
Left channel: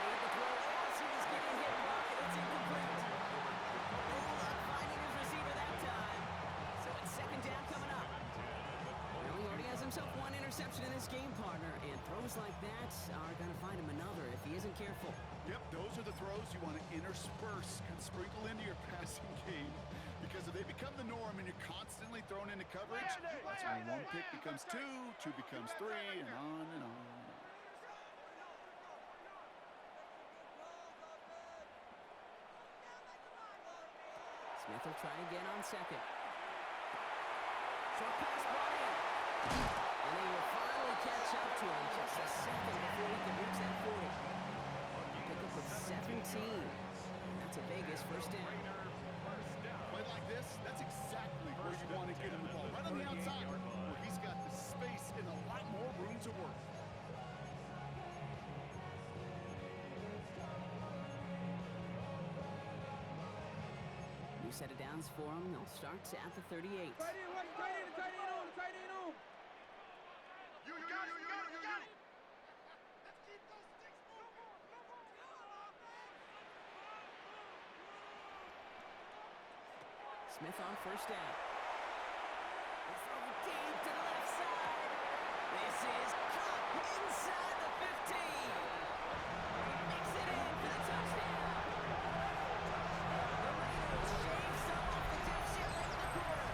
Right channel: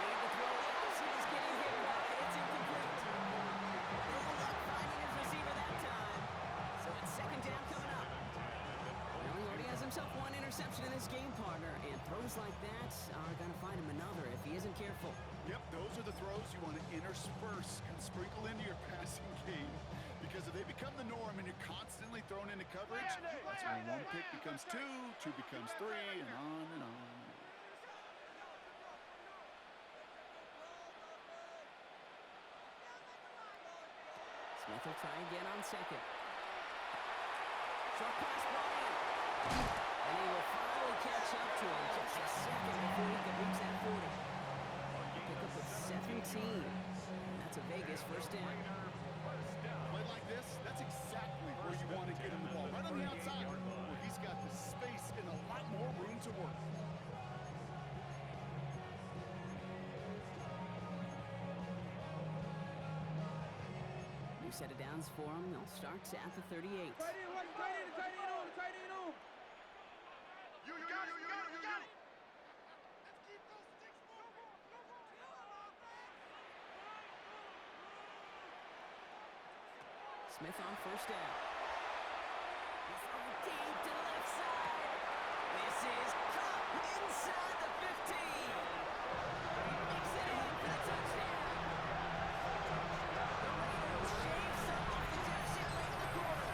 Made the throw as he was getting hit blocked, and it's incomplete. No luck finding his receiver that time. So it's 2nd down coming up. Well, he already has himself 1 interception in this game, partner, and throws like that are going to find him another if he isn't careful. Yep, those are the throws you want to intersperse, kind of sprinkle into your passing game, because if they become the norm and you're constantly thrown into coverage, that's when 1 pick becomes 2, 2 becomes 3, and on and on. Smith will try again on 2nd. Short pass brought in. And he will finally catch up to him just a second before he can reach that 40. Pick up of 17. And that's a Vegas 1st down. Play like this, that's exactly where you want to get him the ball. Right on the outside, where he's got the space and a lot more room to work. New set of downs for him. They'll start at the 38. Tight end, watch the tight end, the tight end on, the tight end on. You got it. Let's keep those sticks moving. Smith on 1st down. They throw it deep to the left side. This is caught inside the 15. He makes it in for the touchdown. The Raiders shave some off the deficit late in the quarter.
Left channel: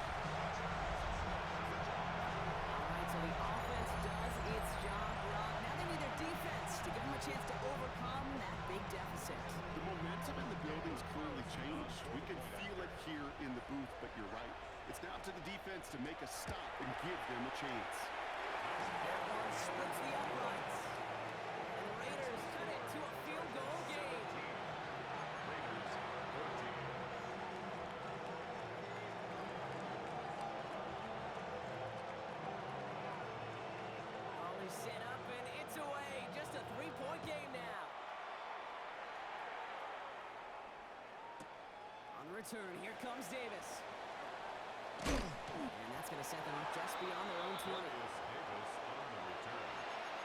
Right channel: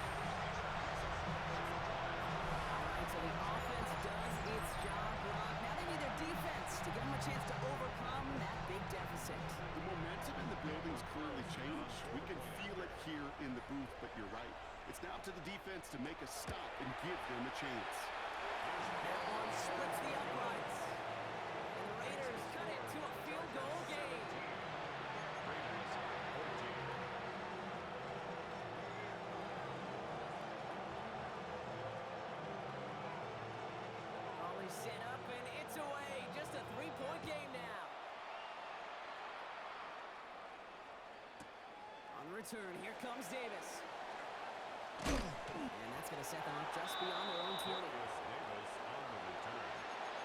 All right, so the offense does its job, Brock. Now they need their defense to give them a chance to overcome that big deficit. The momentum in the building's clearly changed. We can feel it here in the the booth, but you're right. It's now up to the defense to make a stop and give them a chance. That one splits the uprights. And the Raiders cut it to a field goal game. Raiders 14. Ball is set up and it's away. Just a 3-point game now. On the return, here comes Davis. And that's going to set them up just beyond their own 20. Davis on the return.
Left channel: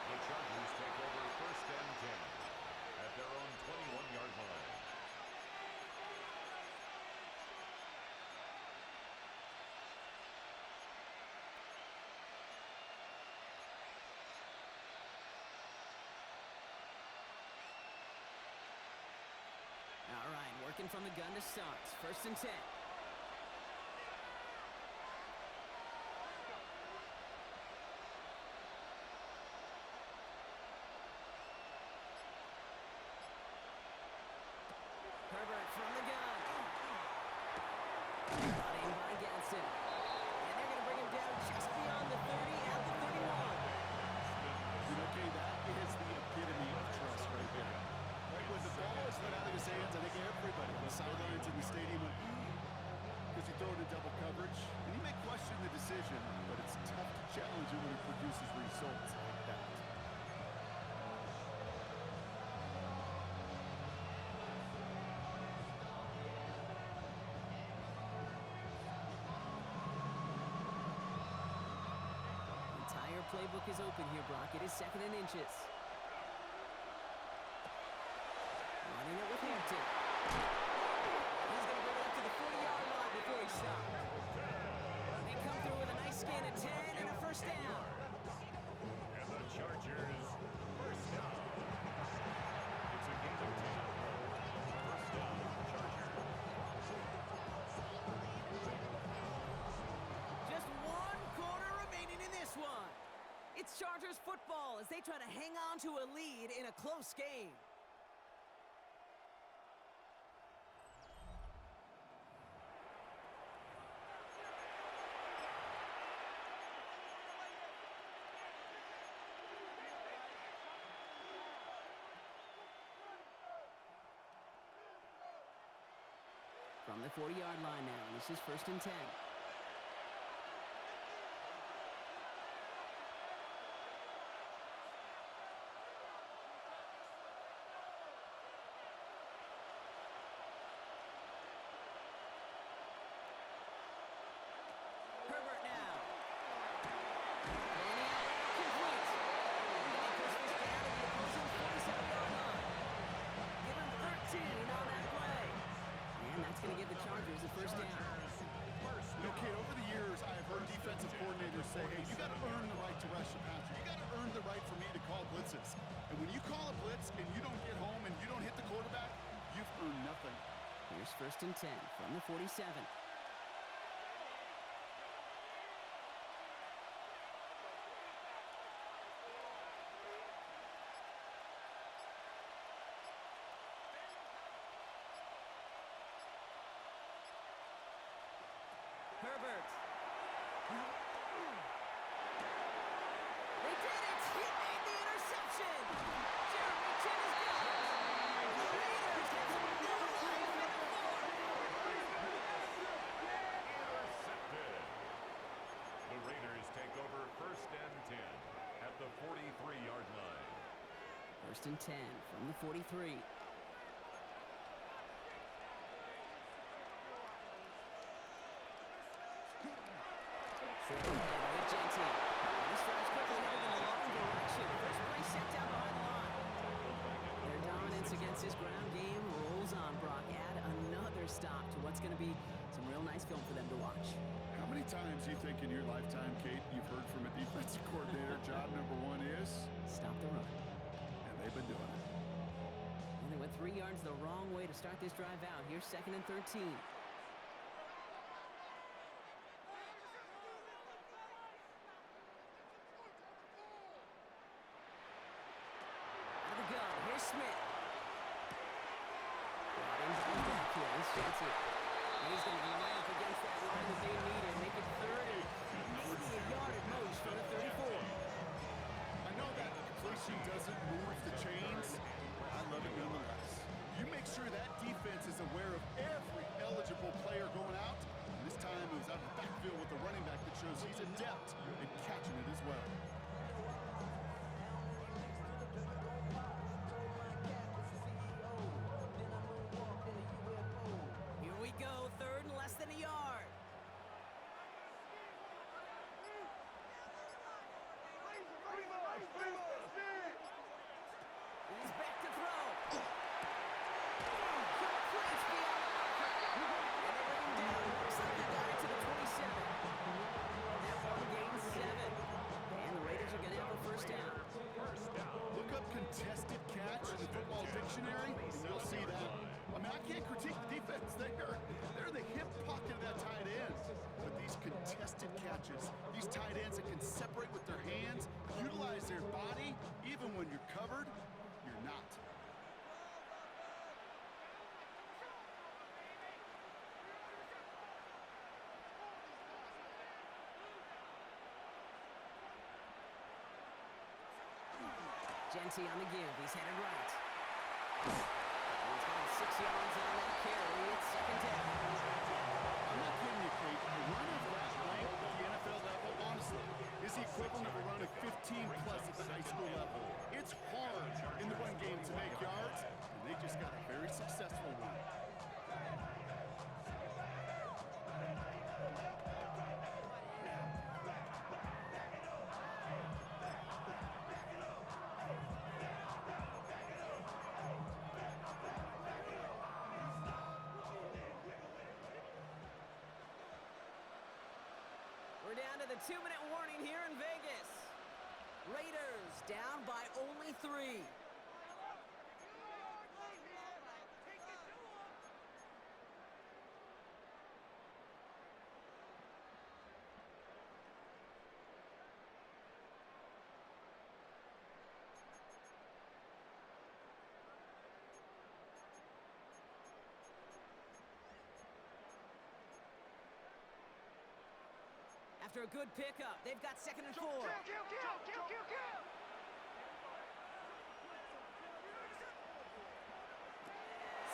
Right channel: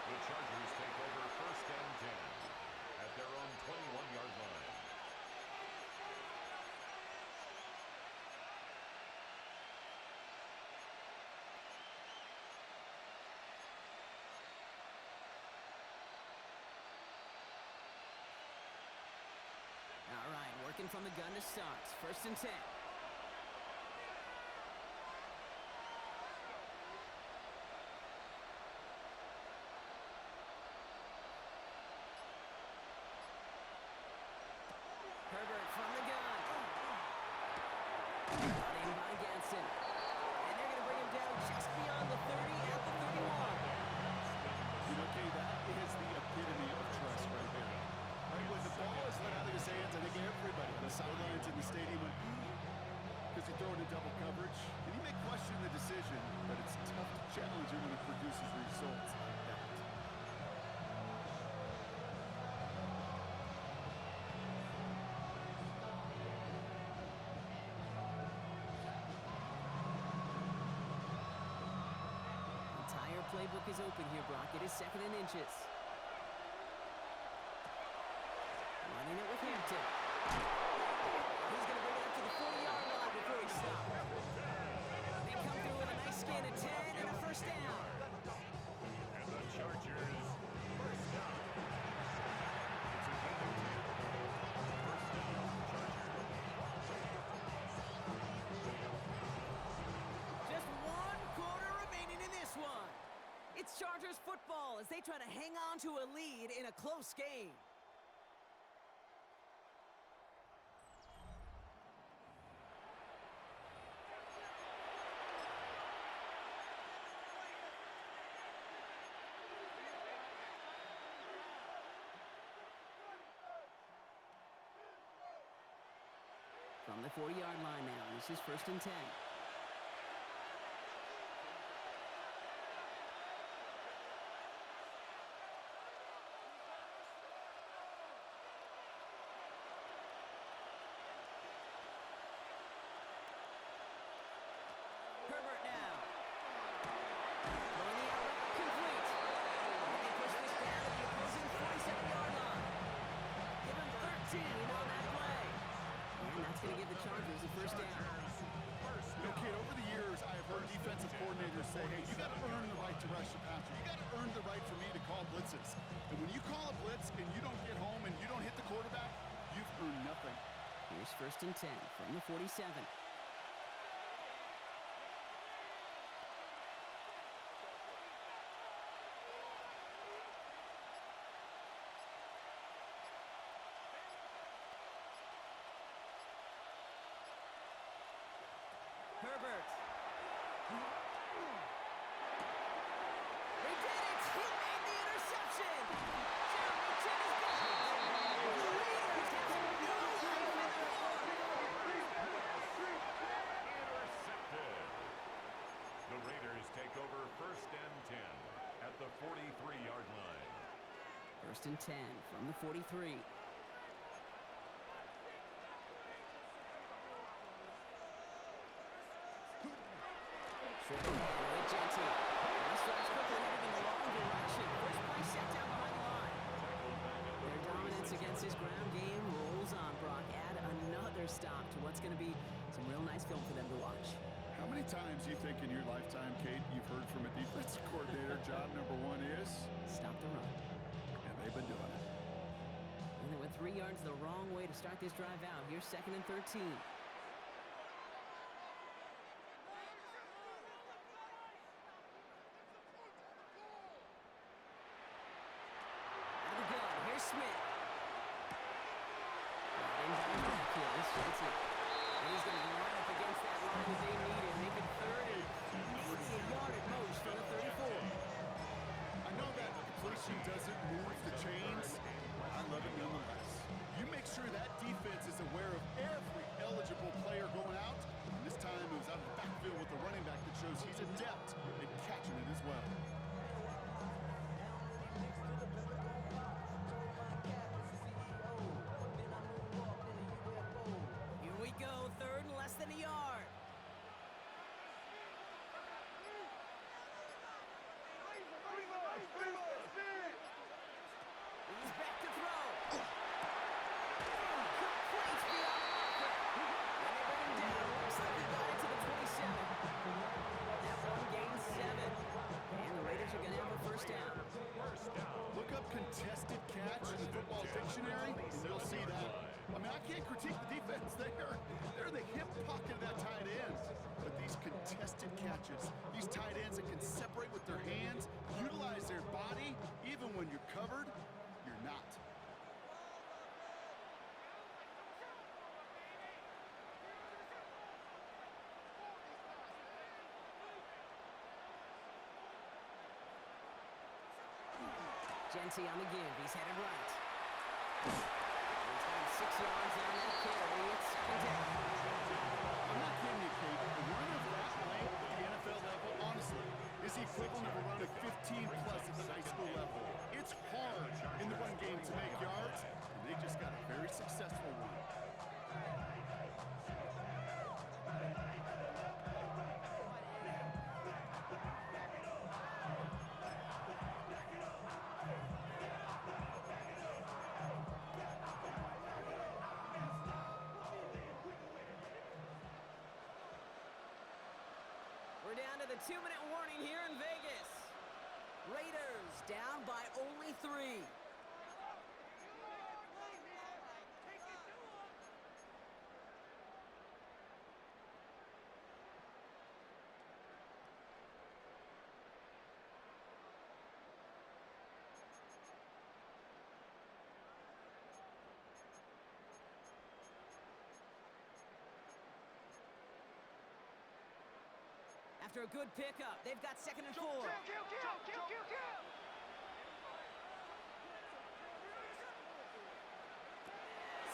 The Chargers take over 1st and 10 at their own 21-yard line. All right, working from the gun to start. 1st and 10. Herbert from the gun. Got in by Gadsden. And they're going to bring him down just beyond the 30 at the 31. You know, Kay, that is the epitome of trust right there. Right, when the ball is let out of his hands, I think everybody on the sidelines in the stadium went, because he threw it in double coverage. And he may question the decision, but it's tough to challenge it when it produces results like that. Entire playbook is open here, Brock. It is 2nd and inches. Running it with Hampton. He's going to bring it up to the 40-yard line before he stops. They come through with a nice gain of 10 and a 1st down. And the Chargers 1st down. It's a gain of 10. 1st down, Chargers. Just 1 quarter remaining in this one. It's Chargers football as they try to hang on to a lead in a close game. From the 40-yard line now, this is 1st and 10. Herbert now. Going the out route, complete. And they push this down to the opposing 47-yard line. Give him 13 on that play. And that's going to give the Chargers the 1st down. You know, Kate, over the years, I have heard defensive coordinators say, hey, you got to earn the right to rush the passer. You got to earn the right for me to call blitzes. And when you call a blitz and you don't get home and you don't hit the quarterback, you've earned nothing. Here's 1st and 10 from the 47. Herbert. They did it! He made the interception! Jeremy Chin has got it! The Raiders have some new life in the floor! Intercepted. The Raiders take over 1st and 10 at the 43-yard line. 1st and 10 from the 43. Short ahead with Genty. This drive's quickly headed in the wrong direction. First play set down behind the line. Tackled back at the Their dominance 46-yard against his line. ground game rolls on, Brock. Add another stop to what's going to be some real nice film for them to watch. How many times do you think in your lifetime, Kate, you've heard from a defensive coordinator, job number 1 is? Stop the run. And they've been doing it. And they went 3 yards the wrong way to start this drive out. Here's 2nd and 13. Out of the gun, here's Smith. Brought in by the backfield, it's Genty. And he's going to be right up against doesn't move the chains, I love it nonetheless. You make sure that defense is aware of every eligible player going out. And this time it was out of the backfield with the running back that shows he's adept at catching it as well. Here we go, third and less than a yard. He's back to throw. Complete beyond the marker. And they bring him down. Looks like he got it to the 27. That one gains 7. And the Raiders are going to have a first down. Look up contested catch in the football dictionary, and you'll see that. I mean, I can't critique the defense. They're the hip pocket of that tight end. But these contested catches, these tight ends that can separate with their hands, utilize their body, even when you're covered, you're not. Genty on the give. He's headed right. He's got him 6 yards on that carry. It's second down. I'm not kidding you, Kate. A run of that length at the NFL level, honestly, is the equivalent of a run of 15-plus at the high school level. It's hard in the run game to make yards, and they just got a very successful one. We're down to the 2-minute warning here in Vegas. Raiders down by only 3. After a good pickup, they've got 2nd and 4.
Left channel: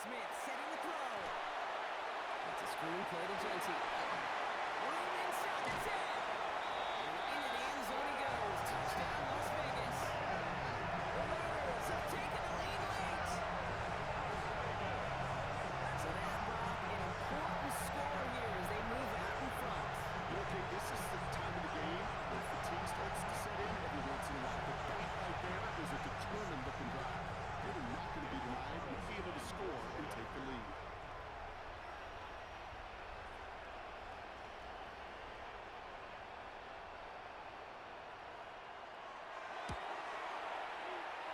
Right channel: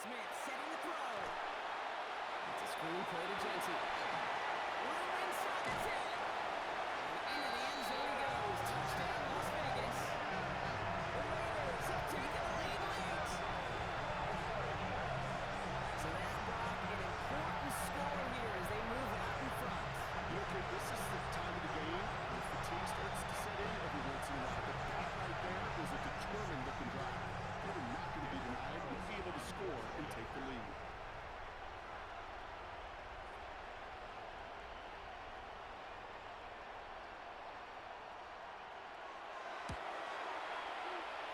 Smith setting the throw. It's a screen play to Genty. Room inside the 10. And into the end zone he goes. Touchdown, Las Vegas. The Raiders have taken the lead late. So that brought an important score here as they move out in front. Okay, this is the time of the game where fatigue starts to set in every once in a while. But that right there is a determined looking drive. They were not going to be denied and be able to score and take the lead.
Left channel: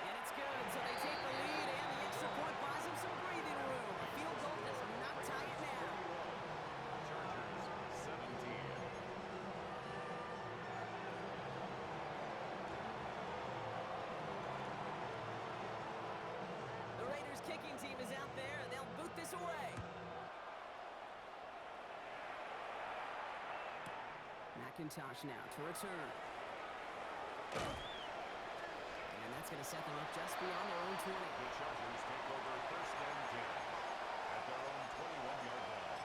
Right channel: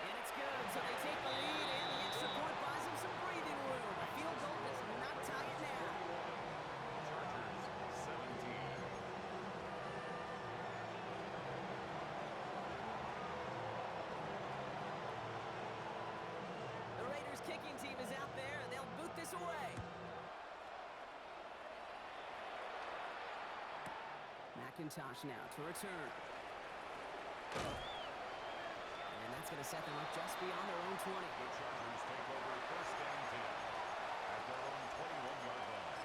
And it's good, so they take the lead, and the extra point buys them some breathing room. A field goal does not tie it now. Chargers 17. The Raiders kicking team is out there, and they'll boot this away. McIntosh now to return. And that's going to set them up just beyond their own 20. The Chargers take over first and 10 at their own 21-yard line.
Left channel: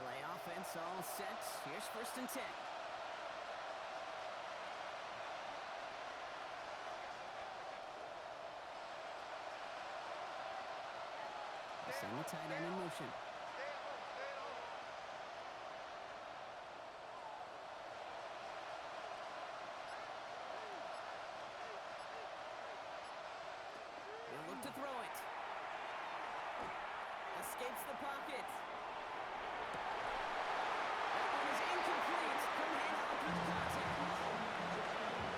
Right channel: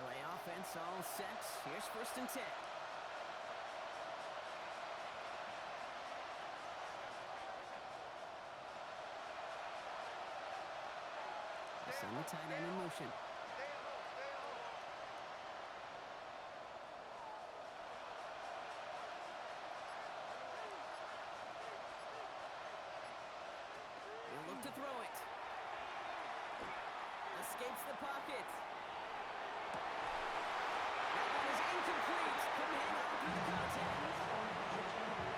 LA offense all set. Here's 1st and 10. They send the tight end in motion. He'll look to throw it. Escapes the pocket. That one is incomplete. Couldn't hang on through the contact.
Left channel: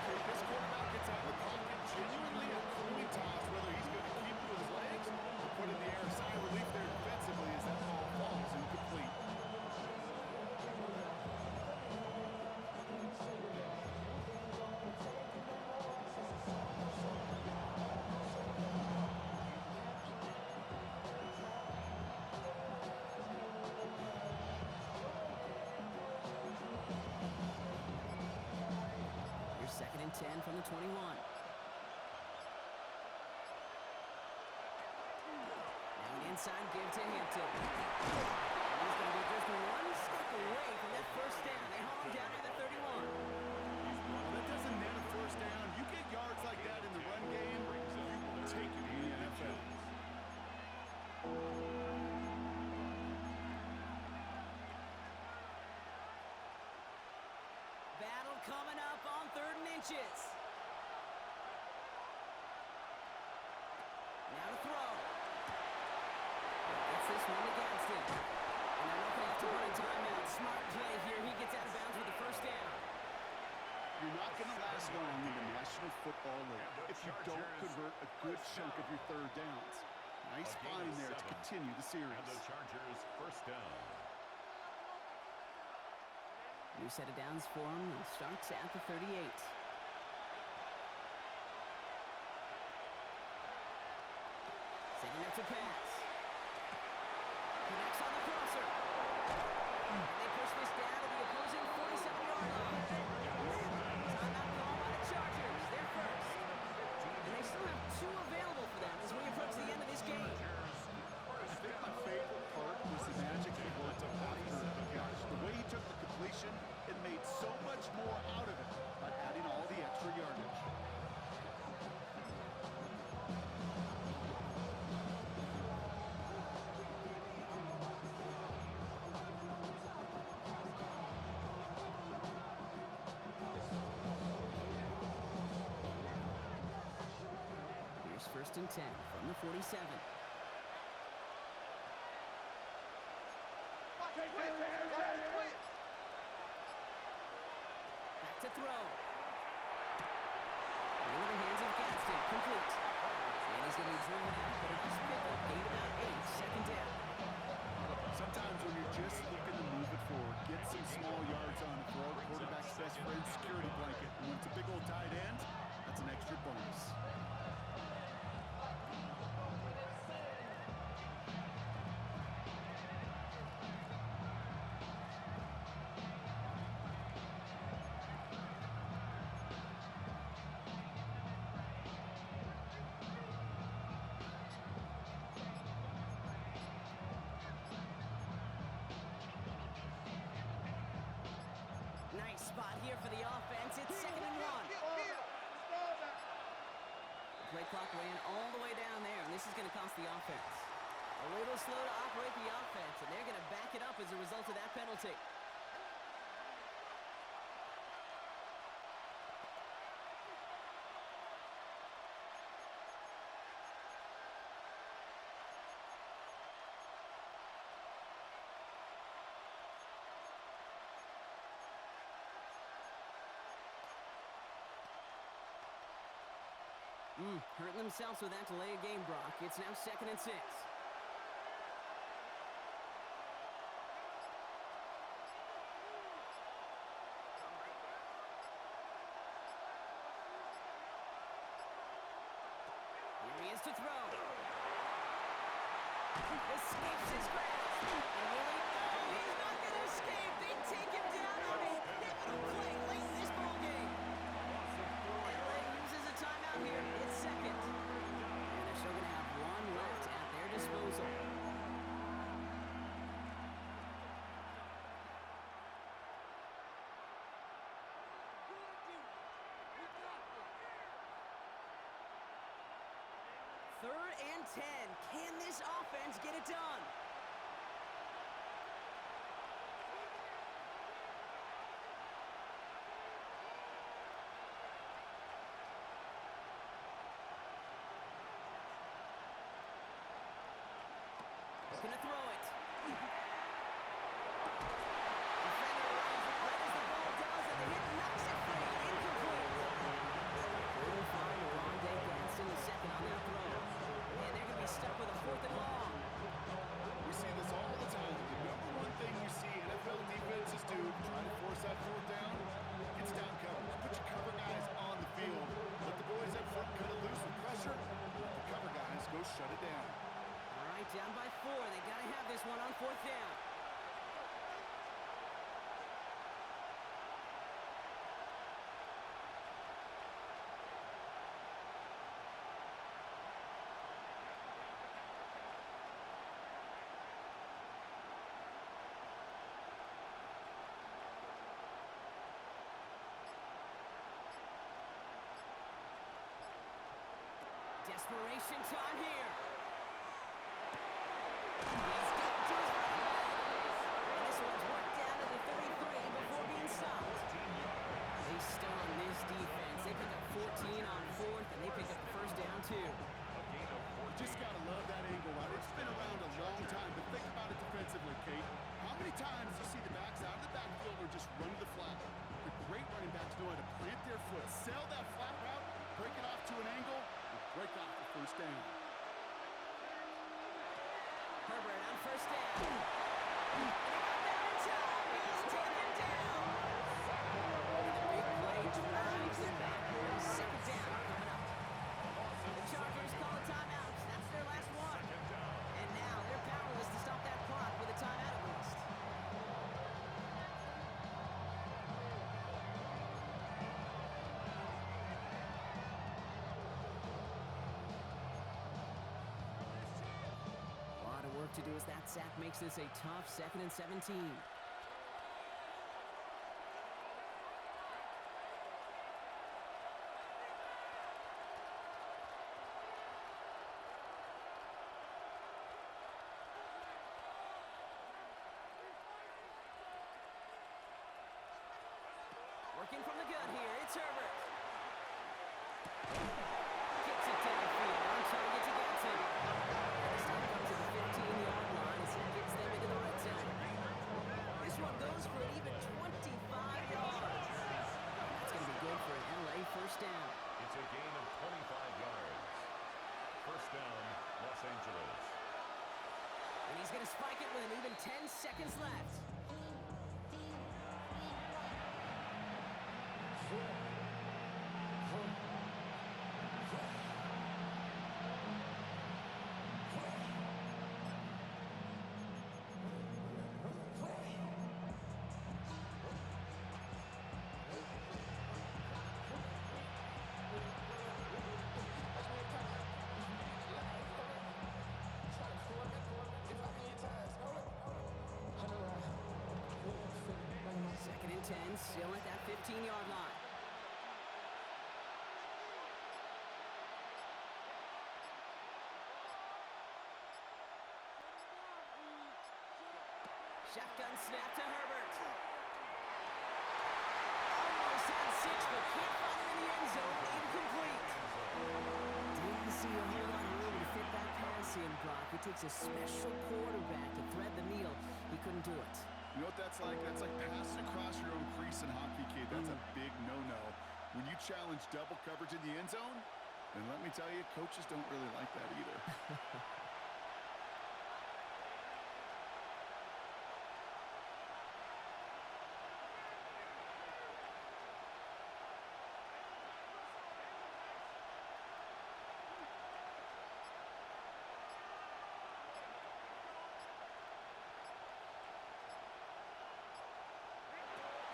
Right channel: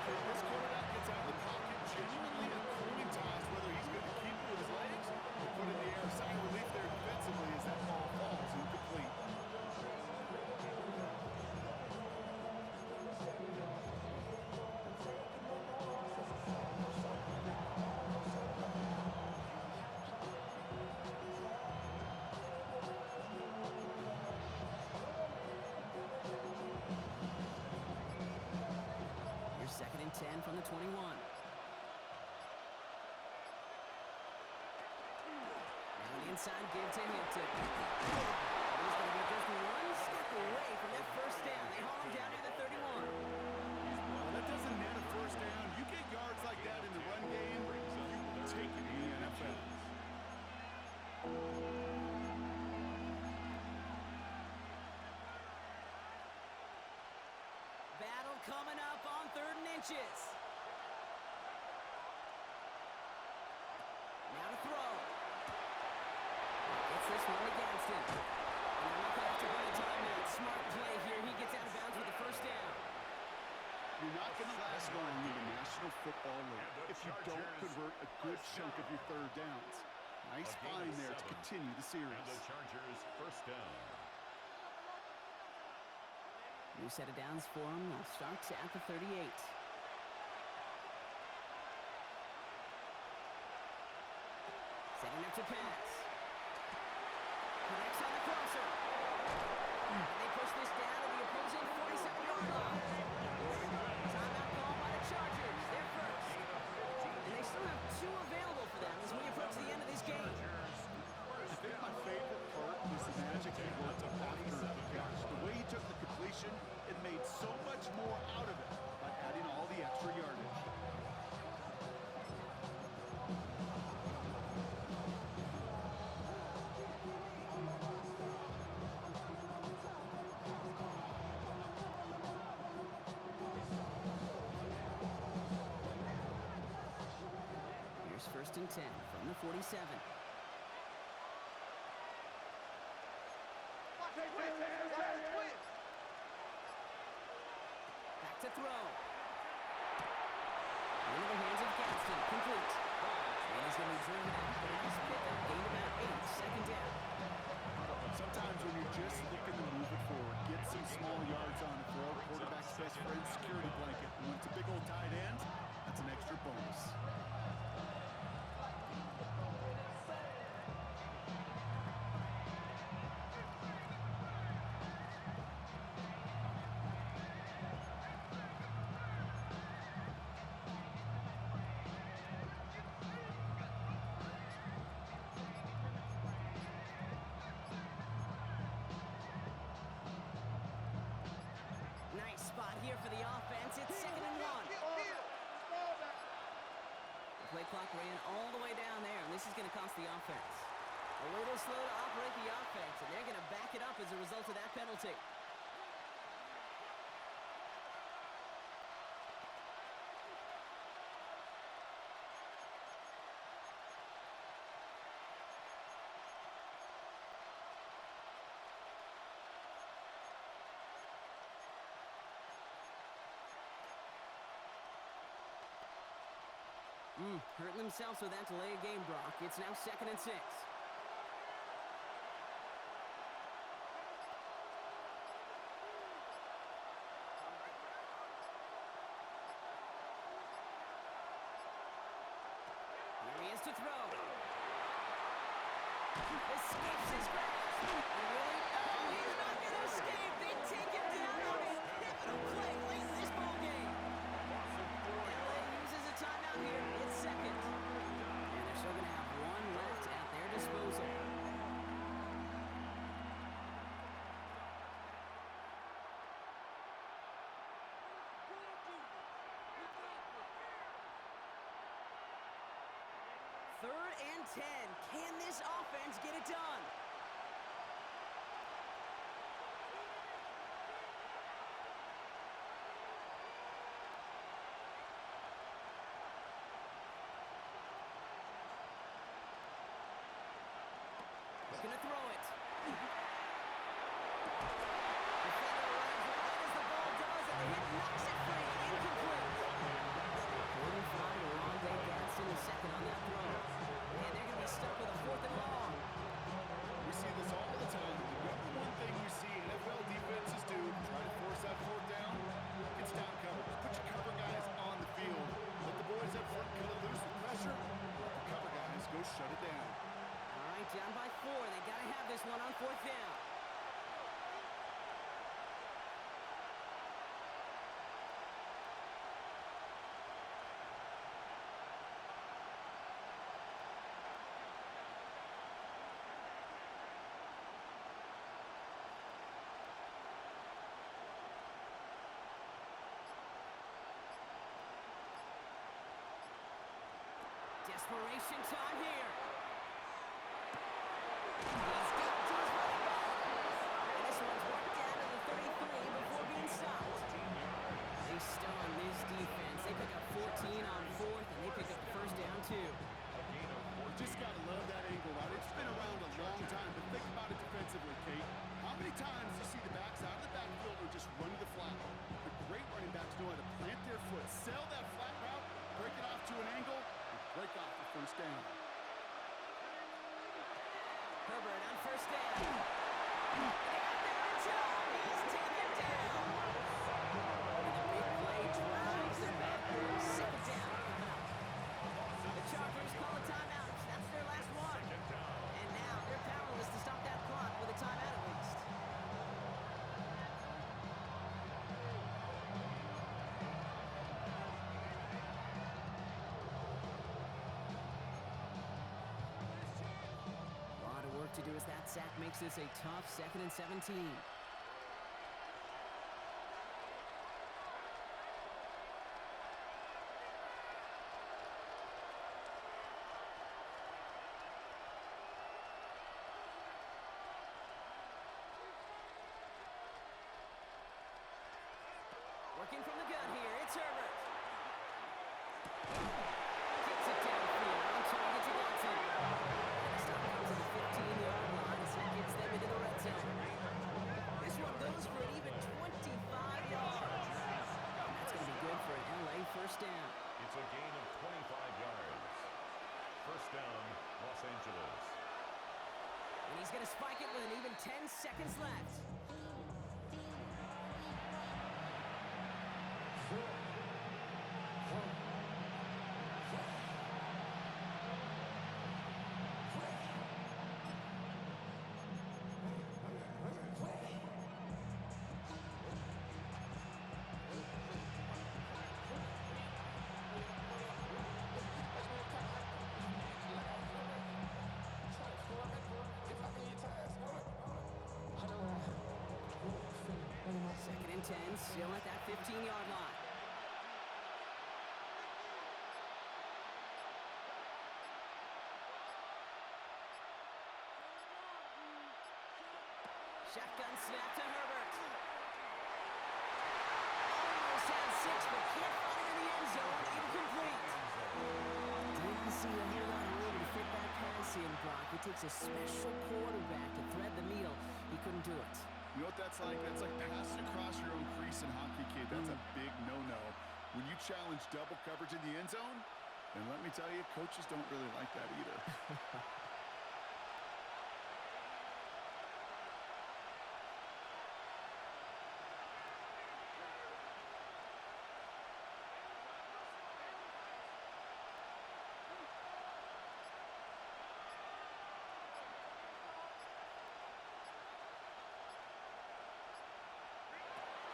Okay, this quarterback gets out of the pocket, genuinely a coin toss whether he's going to keep it with his legs or put it in the air. Sign of relief there defensively as that ball falls incomplete. and 10 from the 21. Now an inside give to Hampton. And he's going to be just one step away from that first down. They haul him down near the 31. Well, that doesn't net a first down. You get yards like that in the run game, you will take it in the NFL. Battle coming up on 3rd and inches. Now to throw. Gets this one to Gadsden. And they're not going to have to run a timeout. Smart play here. He gets out of bounds with the first down. You're not going to last long in the National Football League if you don't convert a good chunk of your 3rd downs. Nice find there to continue the series. And the Chargers first down. New set of downs for them. They'll start at the 38. Setting up to pass. Connects on the crosser. And they push this down to the opposing 47-yard line. Timeout call by the Chargers. They're first. And they still have 2 available for them as we approach the end of this game. I think my favorite part was the magic he worked after the catch. The way he took the completion and made so much more out of it by adding all the extra yardage. Here's 1st and 10 from the 47. Back to throw. Into the hands of Gadsden. Complete. And he's going to be driven out, but a nice pickup. Gained about 8. 2nd down. Sometimes when you're just looking to move it forward, get some small yards on the throw, quarterback's best friend, security blanket. And when it's a big old tight end, that's an extra bonus. Nice spot here for the offense. It's 2nd and 1. The play clock ran all the way down there, and this is going to cost the offense. A little slow to operate the offense, and they're going to back it up as a result of that penalty. Hurting themselves with that delay of game, Brock. It's now 2nd and 6. Here he is to throw. Escapes his grasp. Really? No, he's not going to escape. They take him down on a pivotal play late in this ball game. LA uses a timeout here. It's 2nd. And they're still going to have 1 left at their disposal. Third and 10. Can this offense get it done? Looking to throw it. Defender arrives right as the ball does, and the hit knocks it free. Incomplete. Quarter find Rondé Gadsden the 2nd on that throw. And they're going to be stuck with a 4th and long. We see this all the time. The number one thing you see NFL defenses do to try to force that 4th down, it's down coverage. Put your cover guys on the field. Let the boys up front cut it loose with pressure. Let the cover guys go shut it down. All right, down by 4. They got to have this one on 4th down. Desperation time here. He's getting to his running back. And this one's worked down to the 33 before being stopped. 14 yards. They stun this defense. They pick up 14 on fourth, and they pick up the first down, too. A gain of 14. Just got to love that angle route. It's been around a long time, but think about it defensively, Kate. How many times do you see the backs out of the backfield or just run to the flat? The great running backs know how to plant their foot, sell that flat route, break it off to an angle, and break off the first down. Herbert on first down. And they got there in time. He's taken down. And the big play drives them backwards. Second down coming up. The Chargers call a timeout. That's their last one. Second down. And now they're powerless to stop that clock with a timeout at least. A lot of work to do as that sack makes this a tough 2nd and 17. Working from the gun here, it's Herbert. Gets it downfield, on target to Gatson. And the stop comes to the 15-yard line as he gets them into the red zone. This one goes for an even 25 yards. That's going to be good for an LA first down. It's a gain of 25 yards. First down, Los Angeles. And he's going to spike it with an even 10 seconds left. Second and 10, still at that 15-yard line. Shotgun snap to Herbert. Almost had 6, but can't find him in the end zone. Incomplete. Didn't see a whole lot of room to fit that pass in, Brock. It takes a special quarterback to thread the needle. He couldn't do it. You know what that's like? That's like passing across your own crease in hockey, kid. That's a big no-no. When you challenge double coverage in the end zone, and let me tell you, coaches don't really like that either.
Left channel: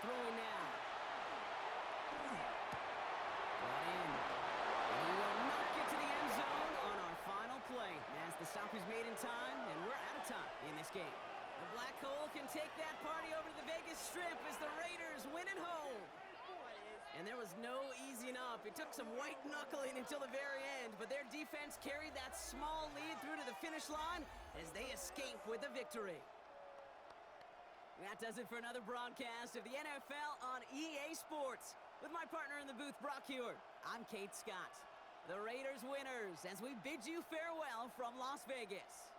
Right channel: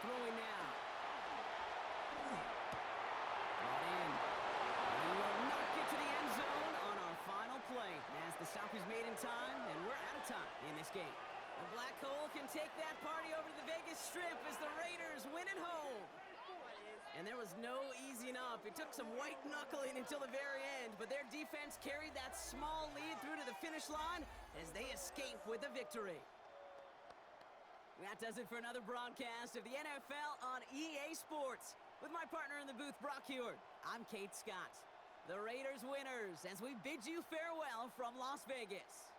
Throwing now. Brought in. And he will not get to the end zone on our final play. As the stop is made in time, and we're out of time in this game. The Black Hole can take that party over to the Vegas Strip as the Raiders win at home. And there was no easing up. It took some white knuckling until the very end, but their defense carried that small lead through to the finish line as they escape with the victory. That does it for another broadcast of the NFL on EA Sports. With my partner in the booth, Brock Heward, I'm Kate Scott. The Raiders winners as we bid you farewell from Las Vegas.